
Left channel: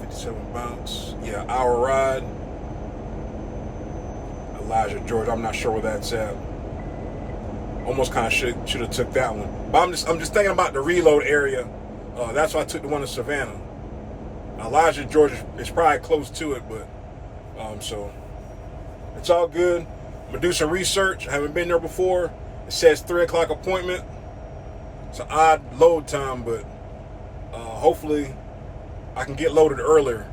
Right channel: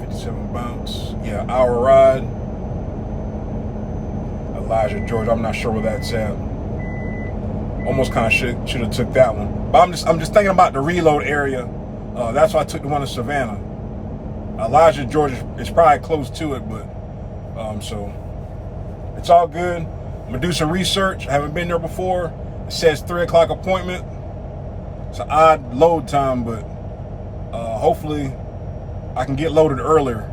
57 bounce, hour ride. Elijah, Georgia. I'm not sure where that's at. Almost kind of should have took that one. But I'm just thinking about the reload area. That's why I took the one in Savannah. Elijah, Georgia is probably close to it, but so it's all good. I'm gonna do some research. I haven't been there before. It says 3 o'clock appointment. It's an odd load time, but hopefully I can get loaded earlier.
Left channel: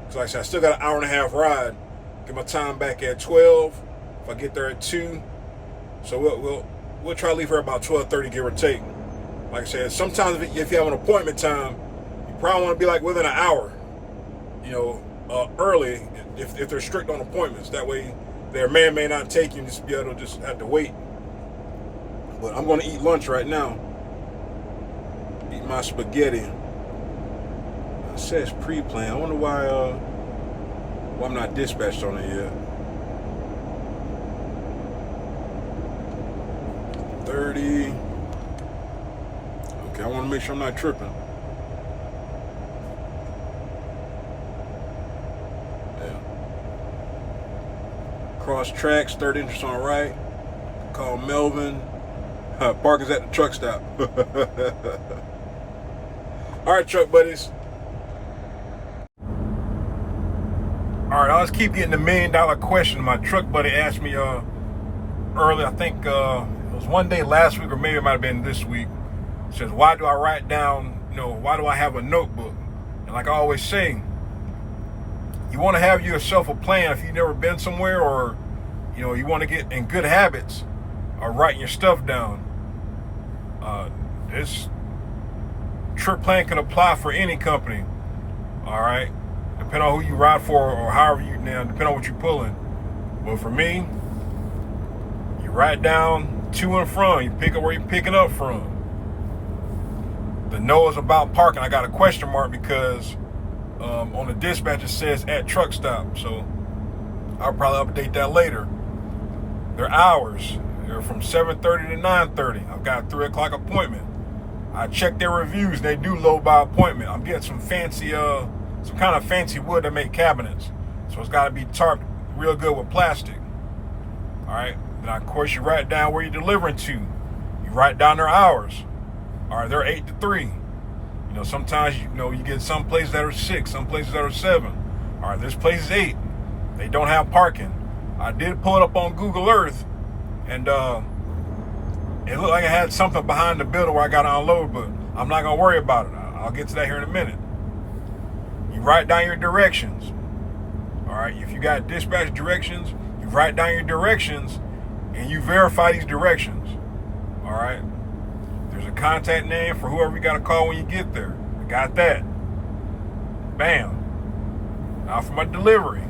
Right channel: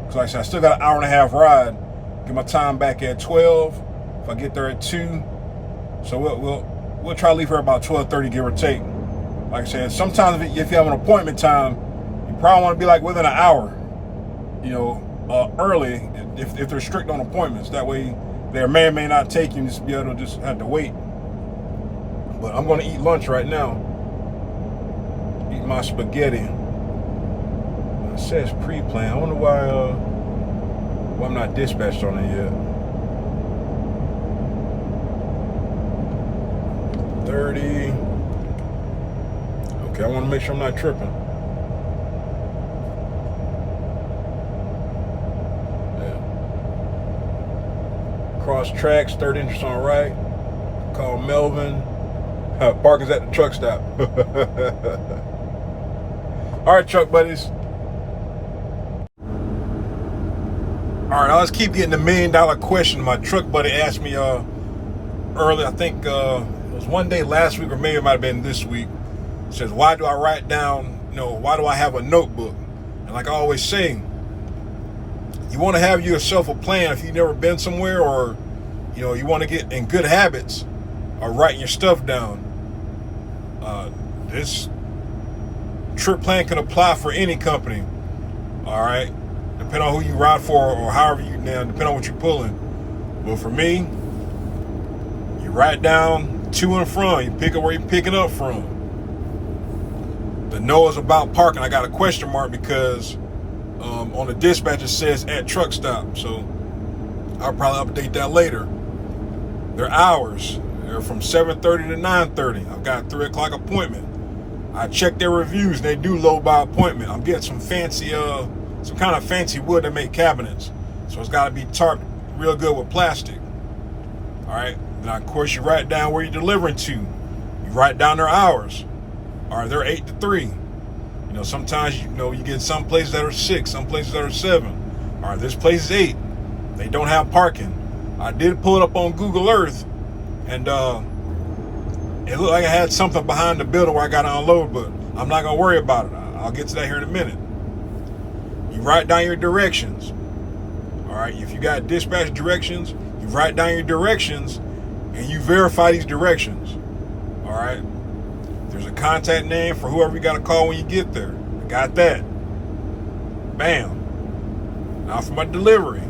Because like I said, I still got an hour and a half ride. Get my time back at 12. If I get there at 2. So we'll try to leave here about 12:30, give or take. Like I said, sometimes if you have an appointment time, you probably want to be like within an hour, early if they're strict on appointments. That way they may or may not take you and just be able to just have to wait. But I'm going to eat lunch right now. Eat my spaghetti. It says pre-plan. I wonder why I'm not dispatched on it yet. 30. Okay, I want to make sure I'm not tripping. Yeah. Cross tracks, 3rd entrance on right. Call Melvin. Park is at the truck stop. All right, truck buddies. All right, let's keep getting the $1 million question. My truck buddy asked me early, I think it was one day last week, or maybe it might have been this week. It says, why do I write down, why do I have a notebook? And like I always say, you want to have yourself a plan if you've never been somewhere, or you want to get in good habits of writing your stuff down. This trip plan can apply for any company. All right, depending on who you ride for, or however depending on what you're pulling. But for me, you write down to and from. You pick up where you're picking up from. The no is about parking. I got a question mark because on the dispatch it says at truck stop. So I'll probably update that later. Their hours, they're from 7:30 to 9:30. I've got a 3 o'clock appointment. I checked their reviews. They do load by appointment. I'm getting some fancy, some kind of fancy wood that make cabinets. So it's got to be tarped real good with plastic. All right. Then of course you write down where you're delivering to. You write down their hours. All right, they're 8 to 3. You know, sometimes you get some places that are 6, some places that are 7. All right, this place is 8. They don't have parking. I did pull it up on Google Earth, and it looked like I had something behind the building where I got to unload, but I'm not gonna worry about it. I'll get to that here in a minute. You write down your directions. All right, if you got dispatch directions, you write down your directions, and you verify these directions. All right. There's a contact name for whoever you got to call when you get there. I got that. Bam. Now for my delivery.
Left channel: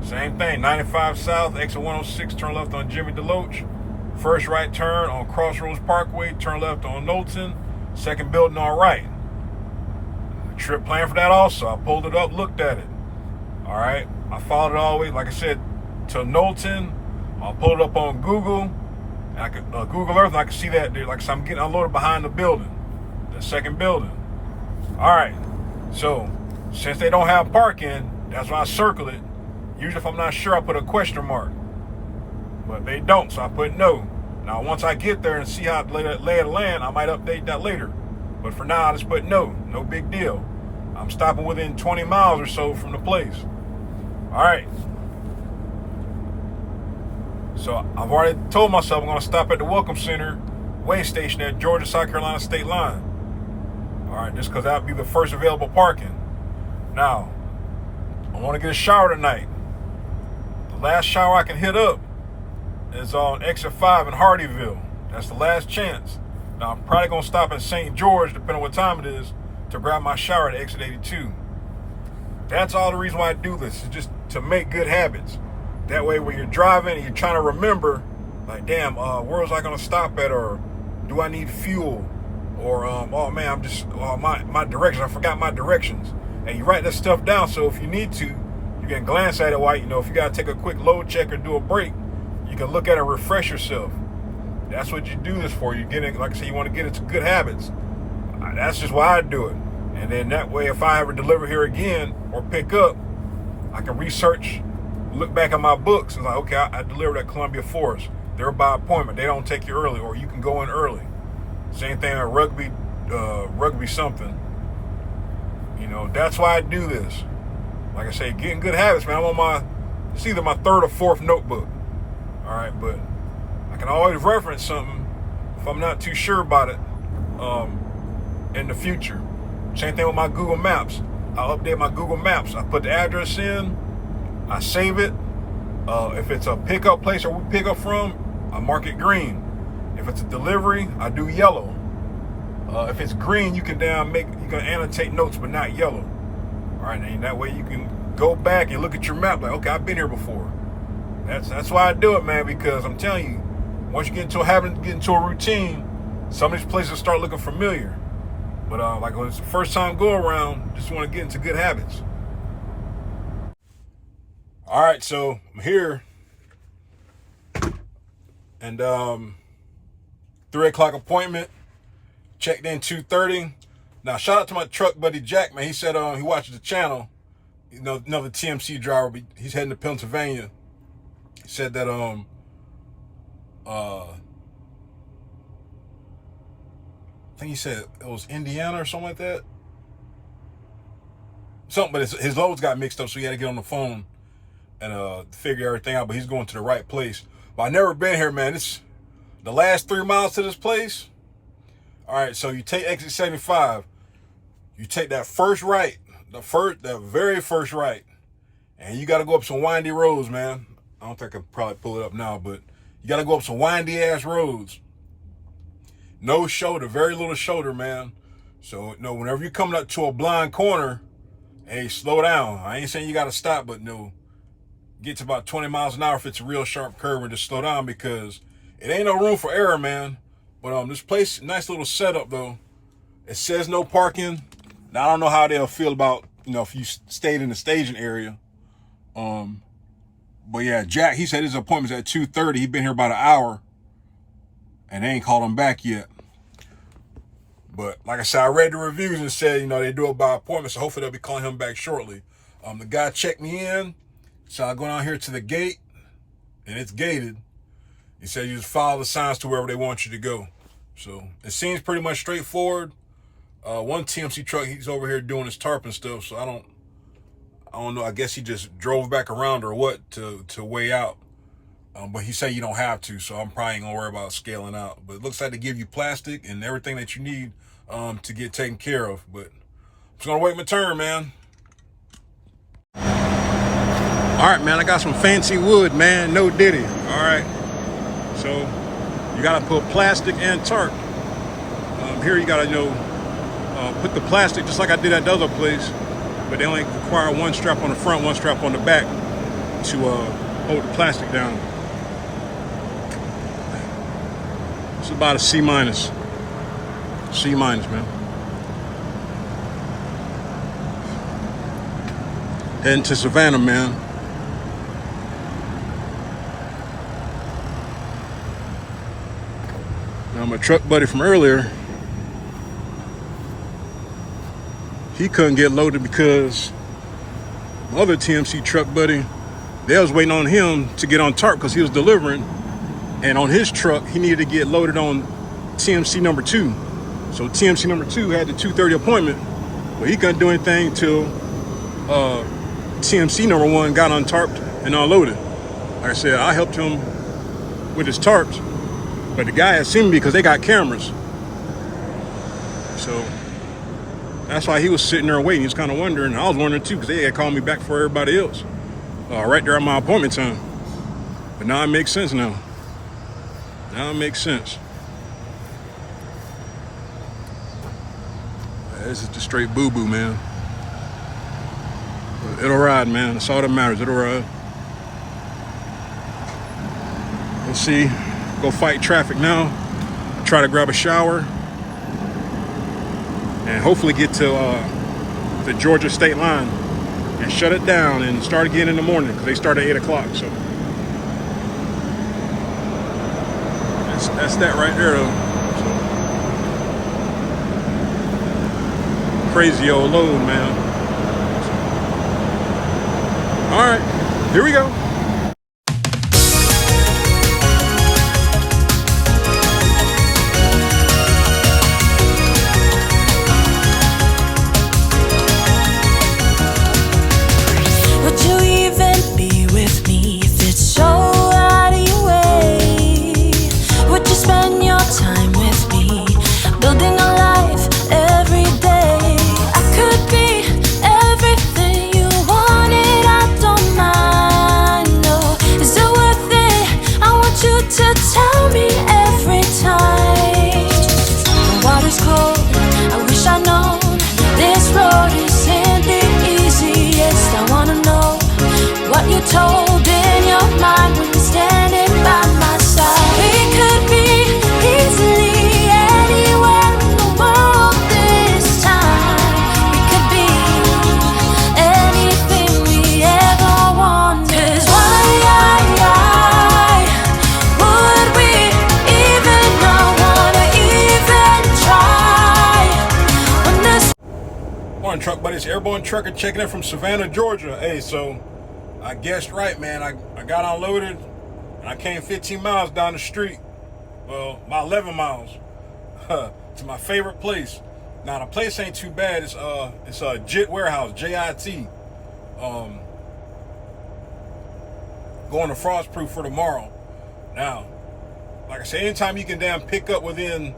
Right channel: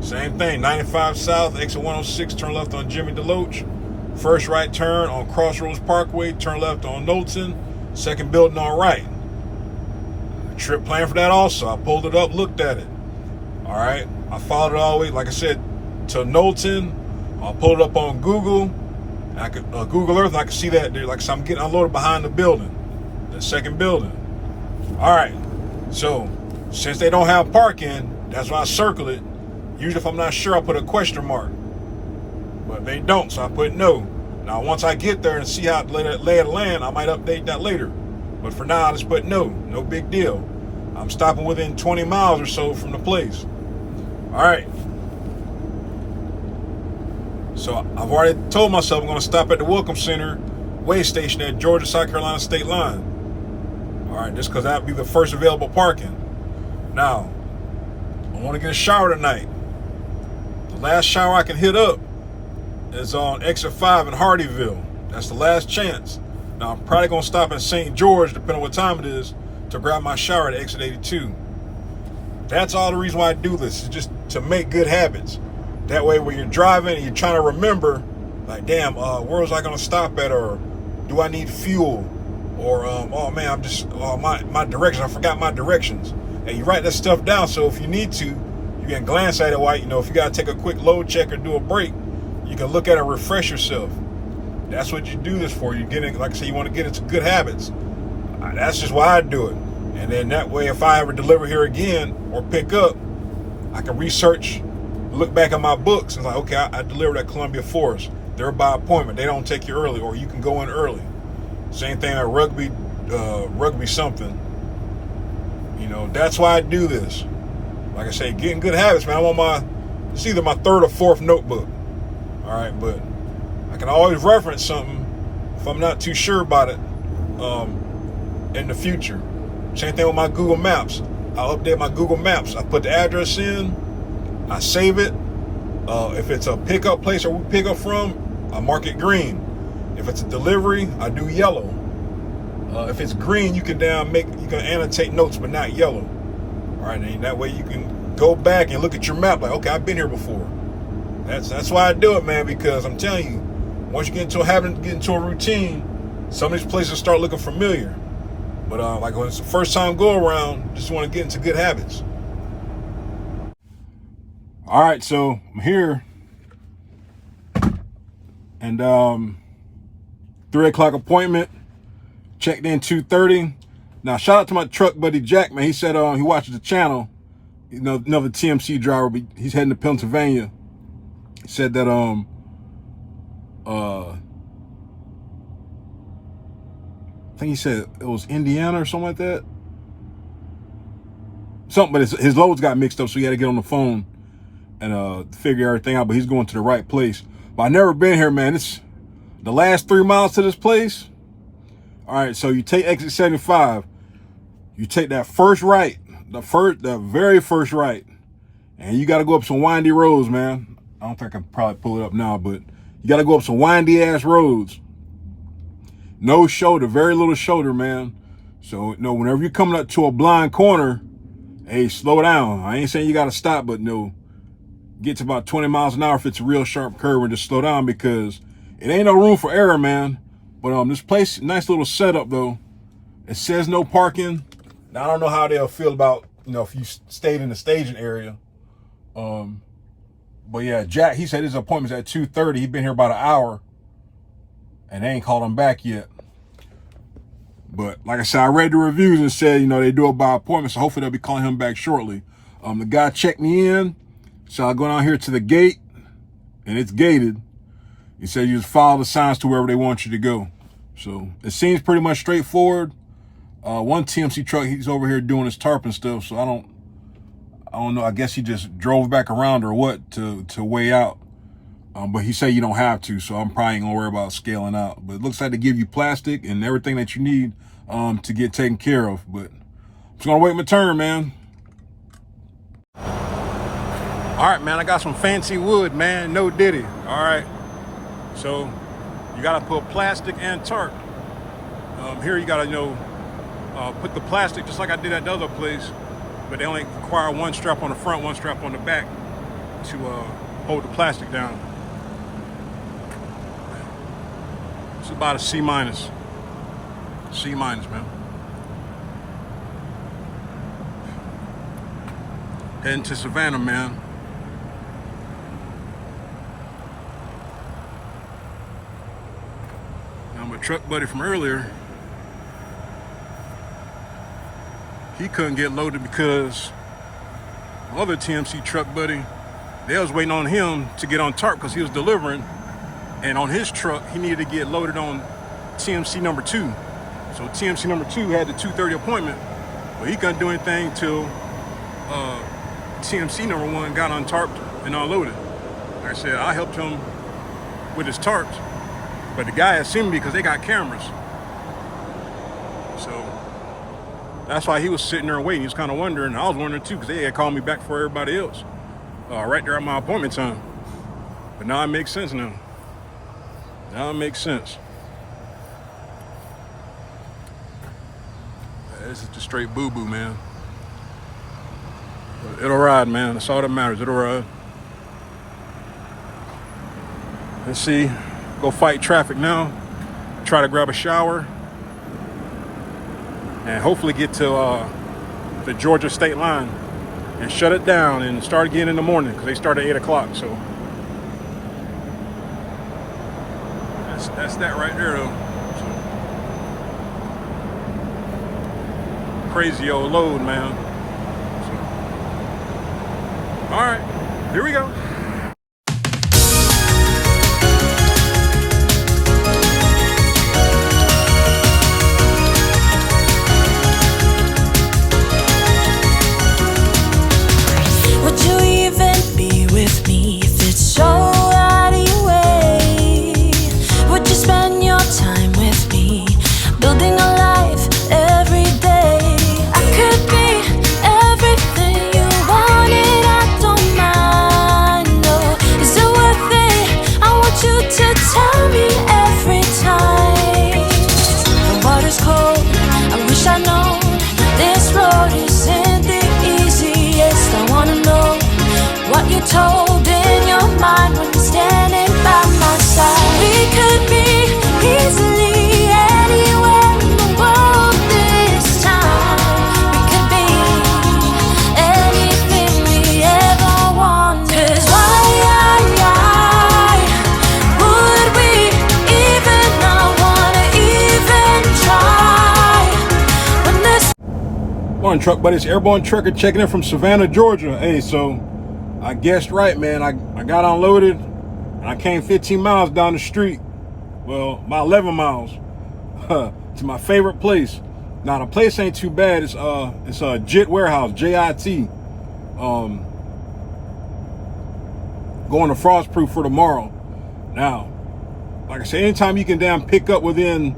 Same thing. 95 South, exit 106, turn left on Jimmy DeLoach. First right turn on Crossroads Parkway, turn left on Knowlton. Second building on right. Trip plan for that also. I pulled it up, looked at it. All right. I followed it all the way, like I said, to Knowlton. I pulled it up on Google. I could Google Earth, and I can see that, like, so I'm getting unloaded behind the building, the second building. All right, so since they don't have parking, that's why I circle it. Usually if I'm not sure, I put a question mark, but they don't, so I put no. Now once I get there and see how it lay of the land, I might update that later, but for now I just put no big deal. I'm stopping within 20 miles or so from the place. All right. So I've already told myself I'm going to stop at the Welcome Center way station at Georgia-South Carolina state line. All right, just because that'll be the first available parking. Now, I want to get a shower tonight. The last shower I can hit up is on exit 5 in Hardyville. That's the last chance. Now, I'm probably going to stop in St. George, depending on what time it is, to grab my shower at exit 82. That's all the reason why I do this, is just to make good habits. That way, when you're driving and you're trying to remember, like, damn, where was I going to stop at? Or do I need fuel? Or, oh, man, I'm just, my directions. I forgot my directions. And you write that stuff down, so if you need to, you can glance at it while, if you got to take a quick load check or do a break, you can look at it and refresh yourself. That's what you do this for. You get in, like I said, you want to get into good habits. That's just why I do it. And then that way, if I ever deliver here again or pick up, I can research, look back at my books and like, okay, I delivered at Columbia Forest. They're by appointment. They don't take you early, or you can go in early. Same thing at rugby something. That's why I do this. Like I say, getting good habits, man. I'm on it's either my third or fourth notebook. All right, but I can always reference something if I'm not too sure about it in the future. Same thing with my Google Maps. I'll update my Google Maps. I put the address in, I save it. If it's a pickup place or we pick up from, I mark it green. If it's a delivery, I do yellow. If it's green, you can annotate notes, but not yellow. All right, and that way you can go back and look at your map. Like, okay, I've been here before. That's why I do it, man. Because I'm telling you, once you get into a habit, get into a routine, some of these places start looking familiar. But like when it's the first time go around, just want to get into good habits. All right, so I'm here, and 3:00 appointment. Checked in 2:30. Now, shout out to my truck buddy Jack, man. He said he watches the channel. Another TMC driver, but he's heading to Pennsylvania. He said that I think he said it was Indiana or something like that. Something, but his loads got mixed up, so he had to get on the phone and figure everything out. But he's going to the right place. But I never been here, man. It's the last 3 miles to this place. All right, so you take exit 75. You take that first right, the very first right, and you got to go up some windy roads, man. I don't think I can probably pull it up now, but you got to go up some windy ass roads. No shoulder, very little shoulder, man. So, whenever you're coming up to a blind corner, hey, slow down. I ain't saying you got to stop, but get to about 20 miles an hour if it's a real sharp curve, and just slow down because it ain't no room for error, man. But this place, nice little setup though. It says no parking. Now I don't know how they'll feel about, if you stayed in the staging area. But yeah, Jack, he said his appointment's at 2:30. He's been here about an hour and they ain't called him back yet. But like I said, I read the reviews and said, they do it by appointment, so hopefully they'll be calling him back shortly. The guy checked me in, so I go down here to the gate, and it's gated. He said you just follow the signs to wherever they want you to go. So it seems pretty much straightforward. One TMC truck, he's over here doing his tarp and stuff, so I don't know. I guess he just drove back around or what to weigh out. But he said you don't have to, so I'm probably ain't gonna worry about scaling out. But it looks like they give you plastic and everything that you need to get taken care of. But I'm just gonna wait my turn, man. All right, man, I got some fancy wood, man. No diddy. All right. So you gotta put plastic and tarp. Here you gotta, put the plastic just like I did at the other place, but they only require one strap on the front, one strap on the back to hold the plastic down. It's about a C minus. C minus, man. Heading to Savannah, man. Now my truck buddy from earlier, he couldn't get loaded because my other TMC truck buddy, they was waiting on him to get on tarp because he was delivering. And on his truck, he needed to get loaded on TMC number 2. So TMC number 2 had the 2:30 appointment, but he couldn't do anything till TMC number 1 got untarped and unloaded. Like I said, I helped him with his tarps, but the guy had seen me because they got cameras. So that's why he was sitting there waiting. He was kind of wondering. I was wondering too because they had called me back for everybody else right there at my appointment time. But now it makes sense now. Now it makes sense. This is just straight boo-boo, man. But it'll ride, man. That's all that matters. It'll ride. Let's see. Go fight traffic now. Try to grab a shower. And hopefully get to the Georgia state line and shut it down and start again in the morning because they start at 8 o'clock. So that's that right there, though. So crazy old load, man. So, all right, here we go. Would you even be with me if it's so out of your way? Would you spend your time with me, building a life every day? I could be everything you wanted, I don't mind, no. Is it worth it? I want you to tell me every time. The water's cold, I wish I'd known this road isn't the easiest. I wanna know what you told in your mind when you're standing by my side. We could be easily anywhere in the world this time. We could be anything we ever wanted. 'Cause why would we even not wanna even try when this Morning, truck buddies. Airborne Trucker checking in from Savannah, Georgia. Hey, so I guessed right, man. I got unloaded and I came 15 miles down the street. Well, about 11 miles to my favorite place. Now the place ain't too bad. It's a JIT warehouse, JIT. Going to Frostproof for tomorrow. Now, like I said, anytime you can damn pick up within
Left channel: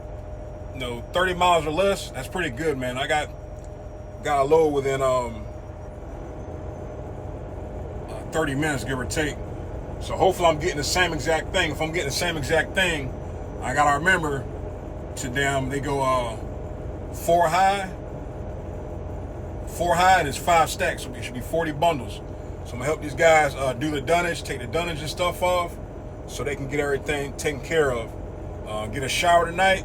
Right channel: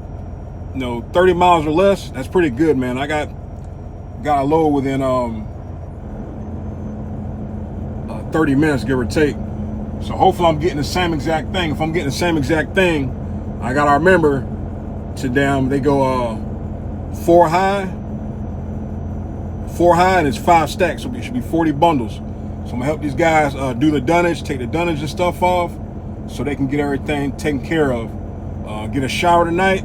30 miles or less, that's pretty good, man. I got a load within 30 minutes, give or take. So hopefully I'm getting the same exact thing. If I'm getting the same exact thing, I gotta remember to they go 4 high, and it's 5 stacks, so it should be 40 bundles. So I'm gonna help these guys do the dunnage, take the dunnage and stuff off, so they can get everything taken care of. Get a shower tonight,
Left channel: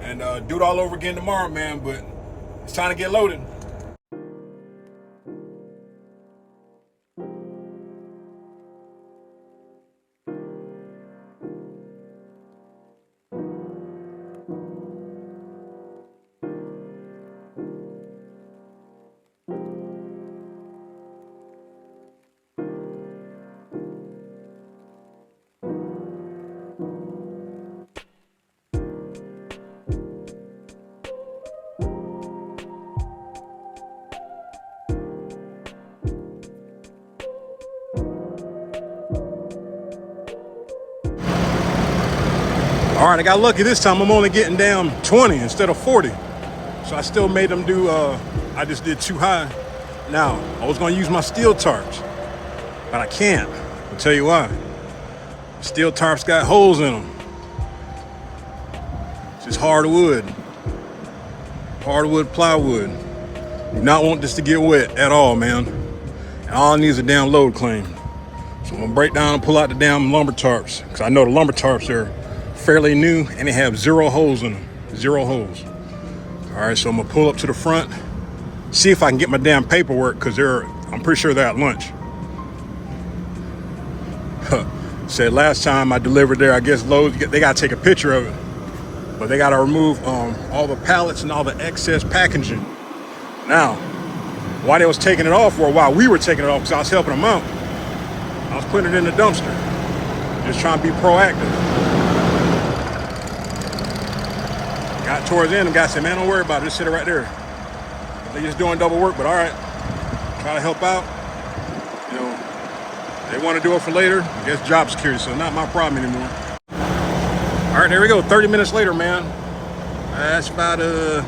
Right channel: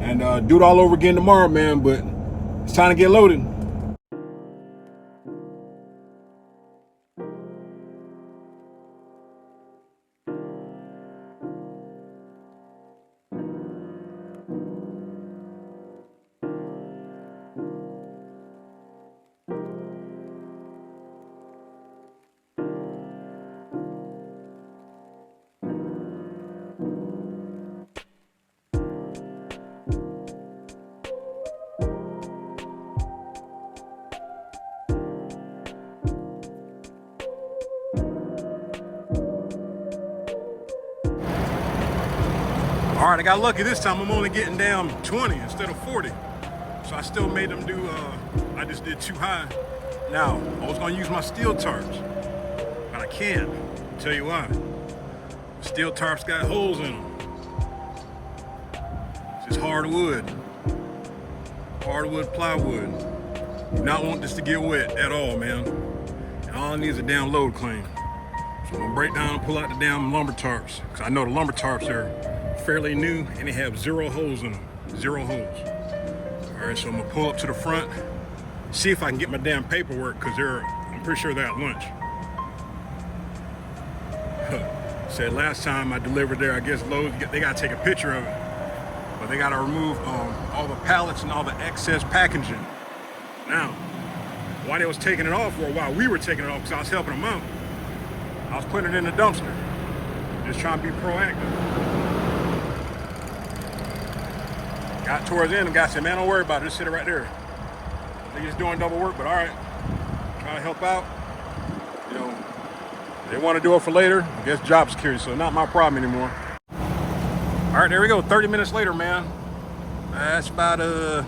and do it all over again tomorrow, man. But it's time to get loaded. All right, I got lucky this time. I'm only getting down 20 instead of 40. So I still made them do, I just did too high. Now, I was gonna use my steel tarps, but I can't. I'll tell you why. Steel tarps got holes in them. It's just hardwood. Hardwood plywood. Do not want this to get wet at all, man. And all I need is a damn load claim. So I'm gonna break down and pull out the damn lumber tarps, because I know the lumber tarps are fairly new and they have 0 holes in them. 0 holes. All right, so I'm gonna pull up to the front, see if I can get my damn paperwork, because I'm pretty sure they're at lunch. Said last time I delivered there, I guess loads, they gotta take a picture of it, but they gotta remove all the pallets and all the excess packaging. Now, while they was taking it off for a while, we were taking it off because I was helping them out. I was putting it in the dumpster, just trying to be proactive. Got towards the end, the guy said, man, don't worry about it, just sit it right there. They just doing double work, but all right, try to help out. You know, they want to do it for later. I guess job security, so not my problem anymore. All right, there we go. 30 minutes later, man. That's about a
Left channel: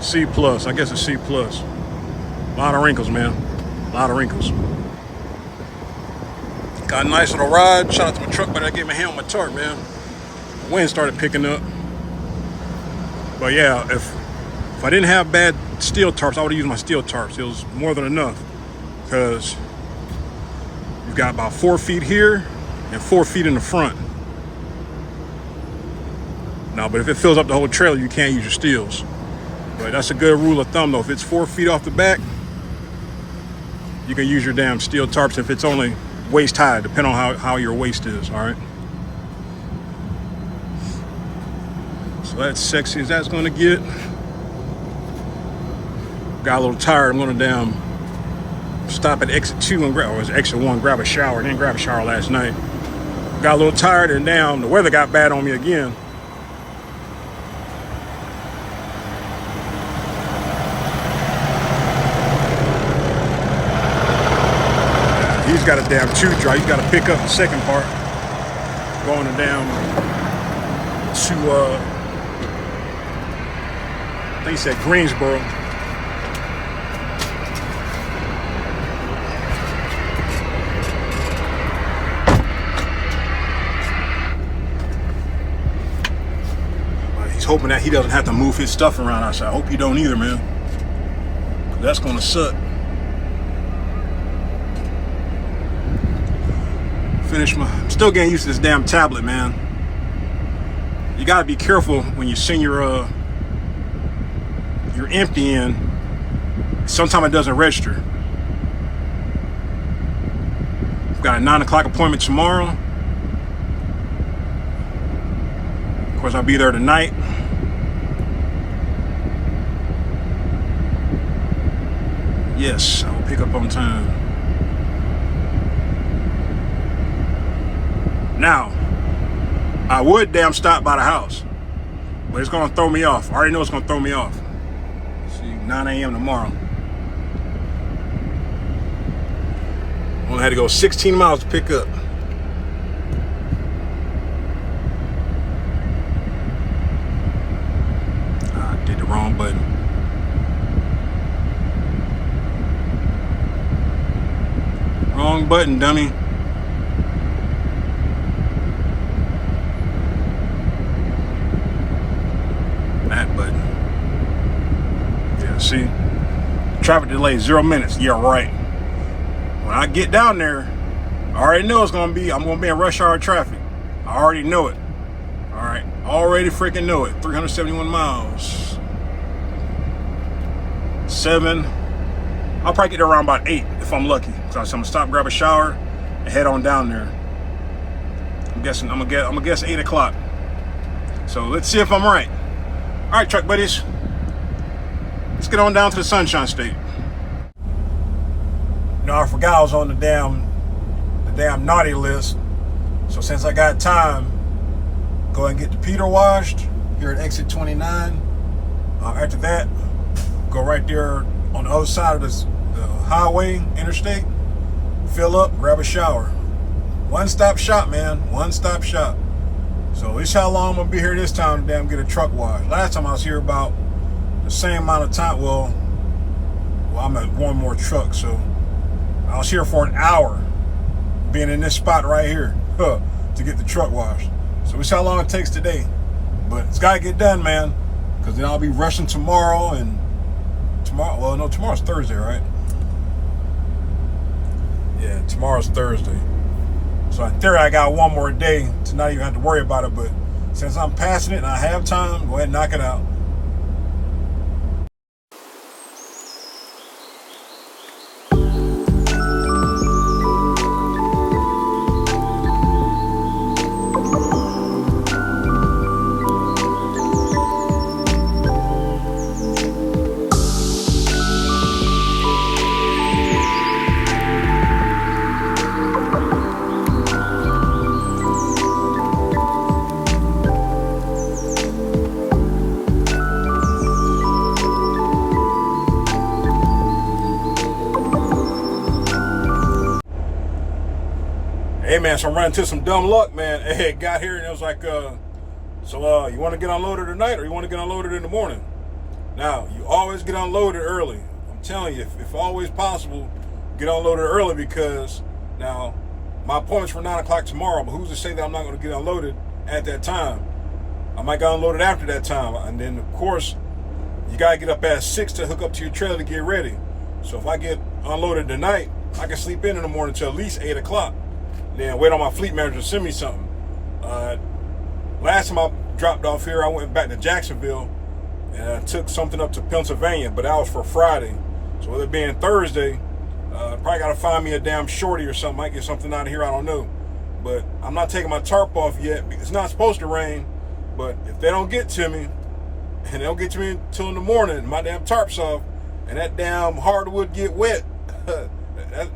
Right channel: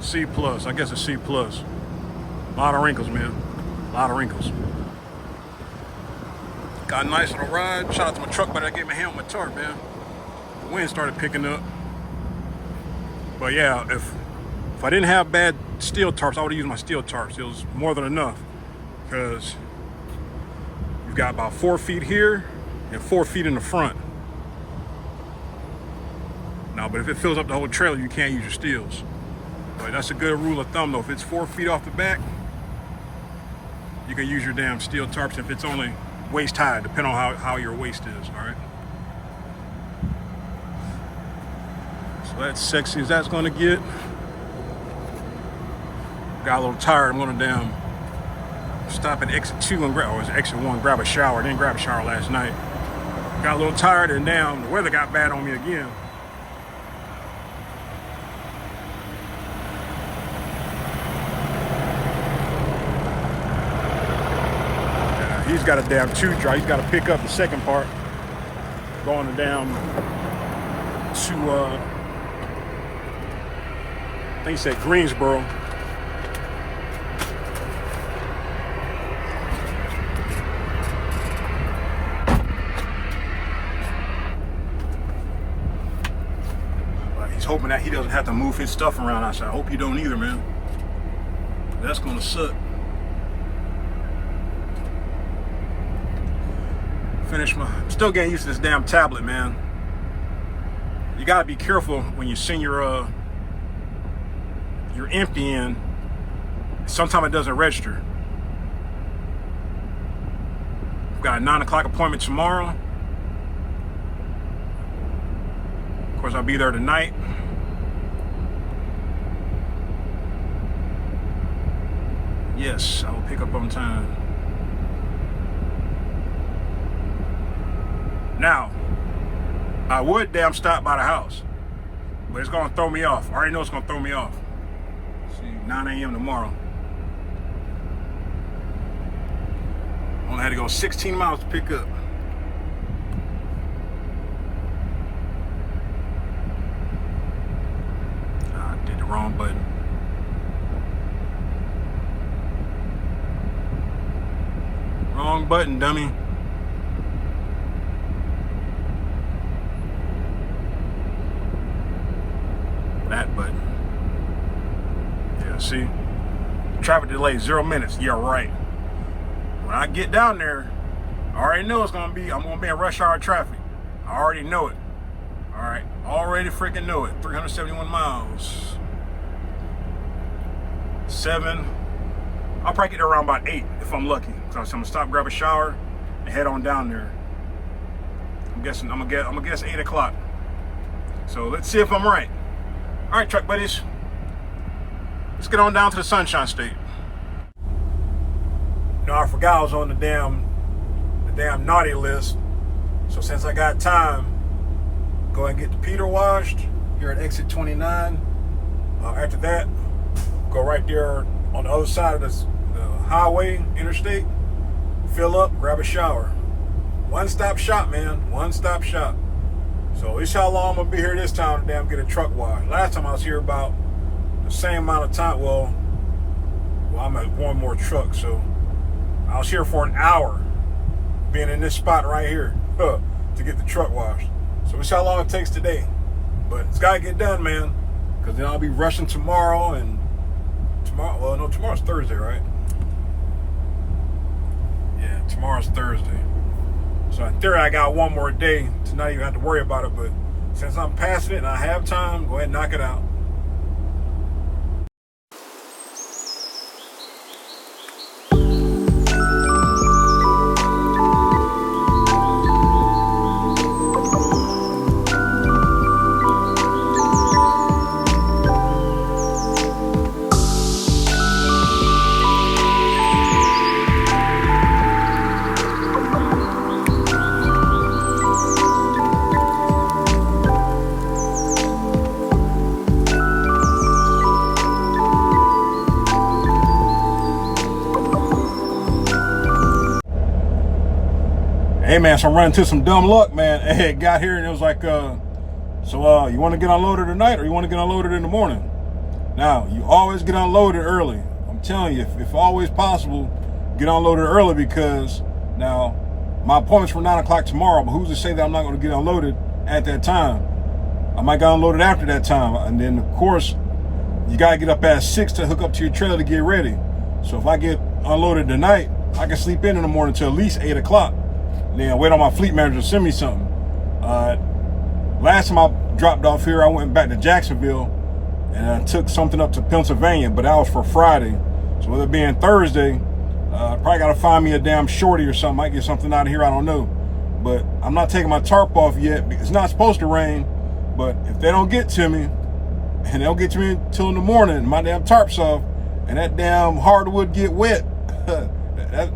C plus. I guess a C plus. A lot of wrinkles, man. A lot of wrinkles. Got a nice little ride. Shout out to my truck, but I gave my hand on my tarp, man. The wind started picking up. But yeah, if I didn't have bad steel tarps, I would have used my steel tarps. It was more than enough, because you've got about 4 feet here and 4 feet in the front. Now, but if it fills up the whole trailer, you can't use your steels. But that's a good rule of thumb, though. If it's 4 feet off the back, you can use your damn steel tarps if it's only waist high, depending on how your waist is, all right? So that's sexy as that's gonna get. Got a little tired. I'm gonna damn stop at exit 2 and grab, or was exit 1, grab a shower. Didn't grab a shower last night. Got a little tired, and damn, the weather got bad on me again. Yeah, he's got a damn 2 dry. He's got to pick up the second part. Going to damn to I think he said Greensboro. He's hoping that he doesn't have to move his stuff around. I said, I hope you don't either, man. That's gonna suck. I'm still getting used to this damn tablet, man. You gotta be careful when you send your empty in. Sometimes it doesn't register. I've got a 9 o'clock appointment tomorrow. Of course, I'll be there tonight. Yes, I will pick up on time. Now, I would damn stop by the house, but it's gonna throw me off. I already know it's gonna throw me off. 9 a.m. tomorrow. Only had to go 16 miles to pick up. I did the wrong button. Wrong button, dummy. That button. See, traffic delay 0 minutes. Yeah, right. When I get down there, I already know I'm gonna be in rush hour traffic. I already know it. All right, already freaking know it. 371 miles. 7. I'll probably get there around about 8 if I'm lucky. So I'm gonna stop, grab a shower, and head on down there. I'm gonna guess 8 o'clock. So let's see if I'm right. All right, truck buddies. Let's get on down to the Sunshine State. No, I forgot I was on the damn naughty list. So since I got time, go ahead and get the Peter washed here at exit 29. After that, go right there on the other side of the highway, interstate, fill up, grab a shower. One-stop shop, man. One-stop shop. So it's how long I'm gonna be here this time to damn get a truck washed. Last time I was here about the same amount of time. Well, I'm at one more truck, so I was here for an hour, being in this spot right here to get the truck washed. So it's how long it takes today, but it's gotta get done, man, because then I'll be rushing tomorrow and tomorrow. Well, no, tomorrow's Thursday, right? Yeah, tomorrow's Thursday. So in theory, I got one more day to not even have to worry about it. But since I'm passing it and I have time, go ahead and knock it out. Hey man, so I'm running into some dumb luck, man. Hey, got here and it was like, so you want to get unloaded tonight or you want to get unloaded in the morning? Now, you always get unloaded early. I'm telling you, if always possible, get unloaded early, because now my appointment's for 9 o'clock tomorrow, but who's to say that I'm not going to get unloaded at that time? I might get unloaded after that time. And then of course, you got to get up at 6 to hook up to your trailer to get ready. So if I get unloaded tonight, I can sleep in the morning till at least 8 o'clock. Then wait on my fleet manager to send me something. Last time I dropped off here, I went back to Jacksonville and I took something up to Pennsylvania, but that was for Friday. So with it being Thursday, probably got to find me a damn shorty or something. Might get something out of here, I don't know. But I'm not taking my tarp off yet. It's not supposed to rain, but if they don't get to me, and they don't get to me until in the morning, my damn tarp's off, and that damn hardwood get wet,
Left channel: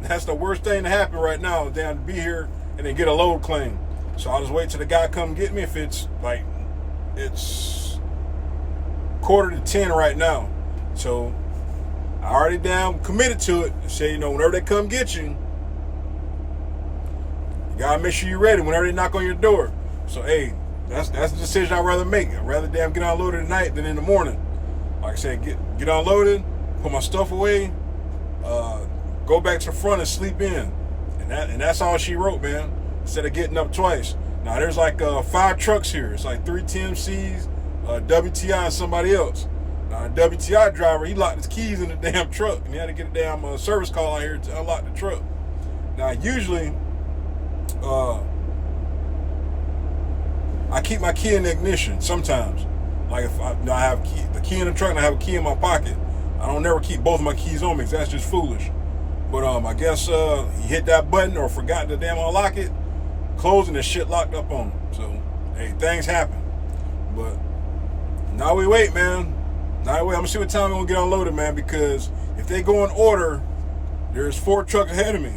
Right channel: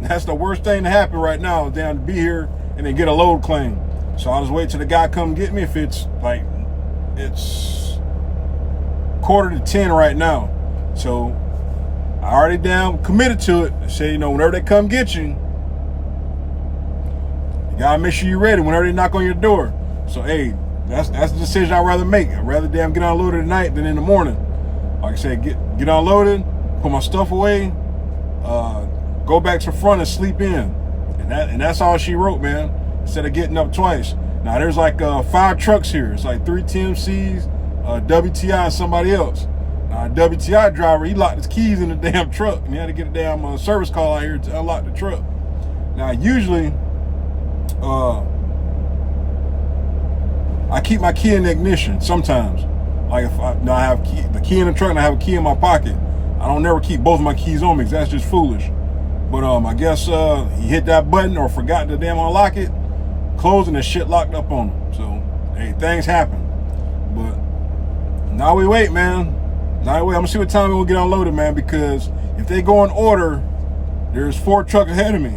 that's the worst thing to happen right now, down to be here and then get a load claim. So I'll just wait till the guy come get me. If it's like, it's 9:45 right now. So I already damn committed to it. I say, you know, whenever they come get you, you gotta make sure you're ready whenever they knock on your door. So hey, that's the decision I'd rather make. I'd rather damn get unloaded at night than in the morning. Like I said, get unloaded, put my stuff away, go back to the front and sleep in. And that's all she wrote, man. Instead of getting up twice. Now there's like 5 trucks here. It's like 3 TMCs, WTI, and somebody else. Now a WTI driver, he locked his keys in the damn truck and he had to get a damn service call out here to unlock the truck. Now usually, I keep my key in the ignition sometimes. Like if I have the key in the truck and I have a key in my pocket, I don't never keep both of my keys on me because that's just foolish. But I guess he hit that button or forgot to damn unlock it, closing the shit locked up on him. So hey, things happen. But now we wait, man. Now we wait. I'm gonna see what time we'll get unloaded, man, because if they go in order, there's 4 trucks ahead of me.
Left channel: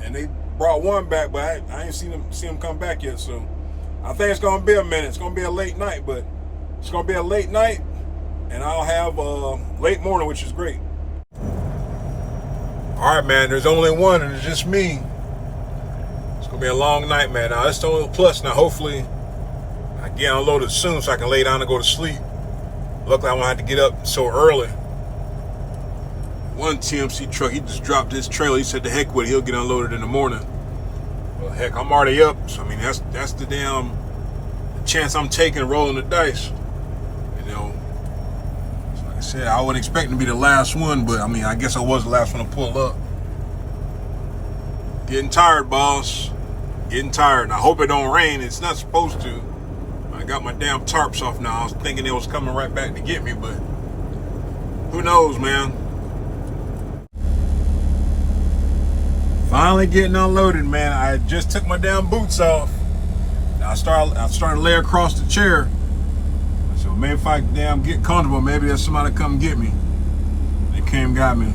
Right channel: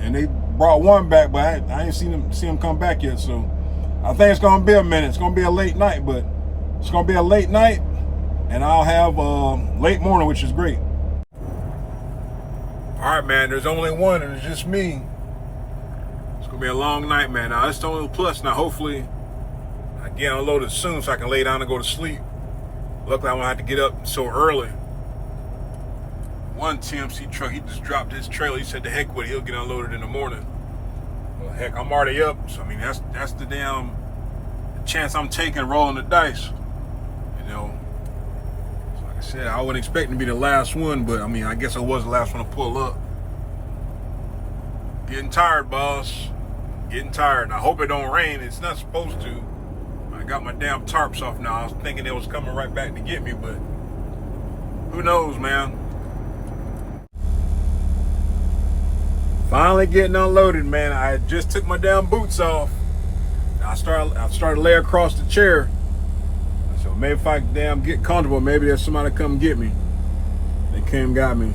And they brought one back, but I ain't seen them come back yet. So I think it's gonna be a minute. It's gonna be a late night, but it's gonna be a late night, and I'll have late morning, which is great. All right, man. There's only one, and it's just me. It's gonna be a long night, man. Now that's the only plus. Now hopefully I get unloaded soon so I can lay down and go to sleep. Luckily I won't have to get up so early. One TMC truck, he just dropped his trailer. He said the heck with it, he'll get unloaded in the morning. Well, heck, I'm already up. So I mean, that's the damn chance I'm taking, rolling the dice. You know, so like I said, I wasn't expecting to be the last one, but I mean, I guess I was the last one to pull up. Getting tired, boss. Getting tired. And I hope it don't rain. It's not supposed to. I got my damn tarps off now. I was thinking they was coming right back to get me, but who knows, man. Finally getting unloaded, man. I just took my damn boots off. I started to lay across the chair. So maybe if I damn get comfortable, maybe there's somebody to come get me. They came and got me.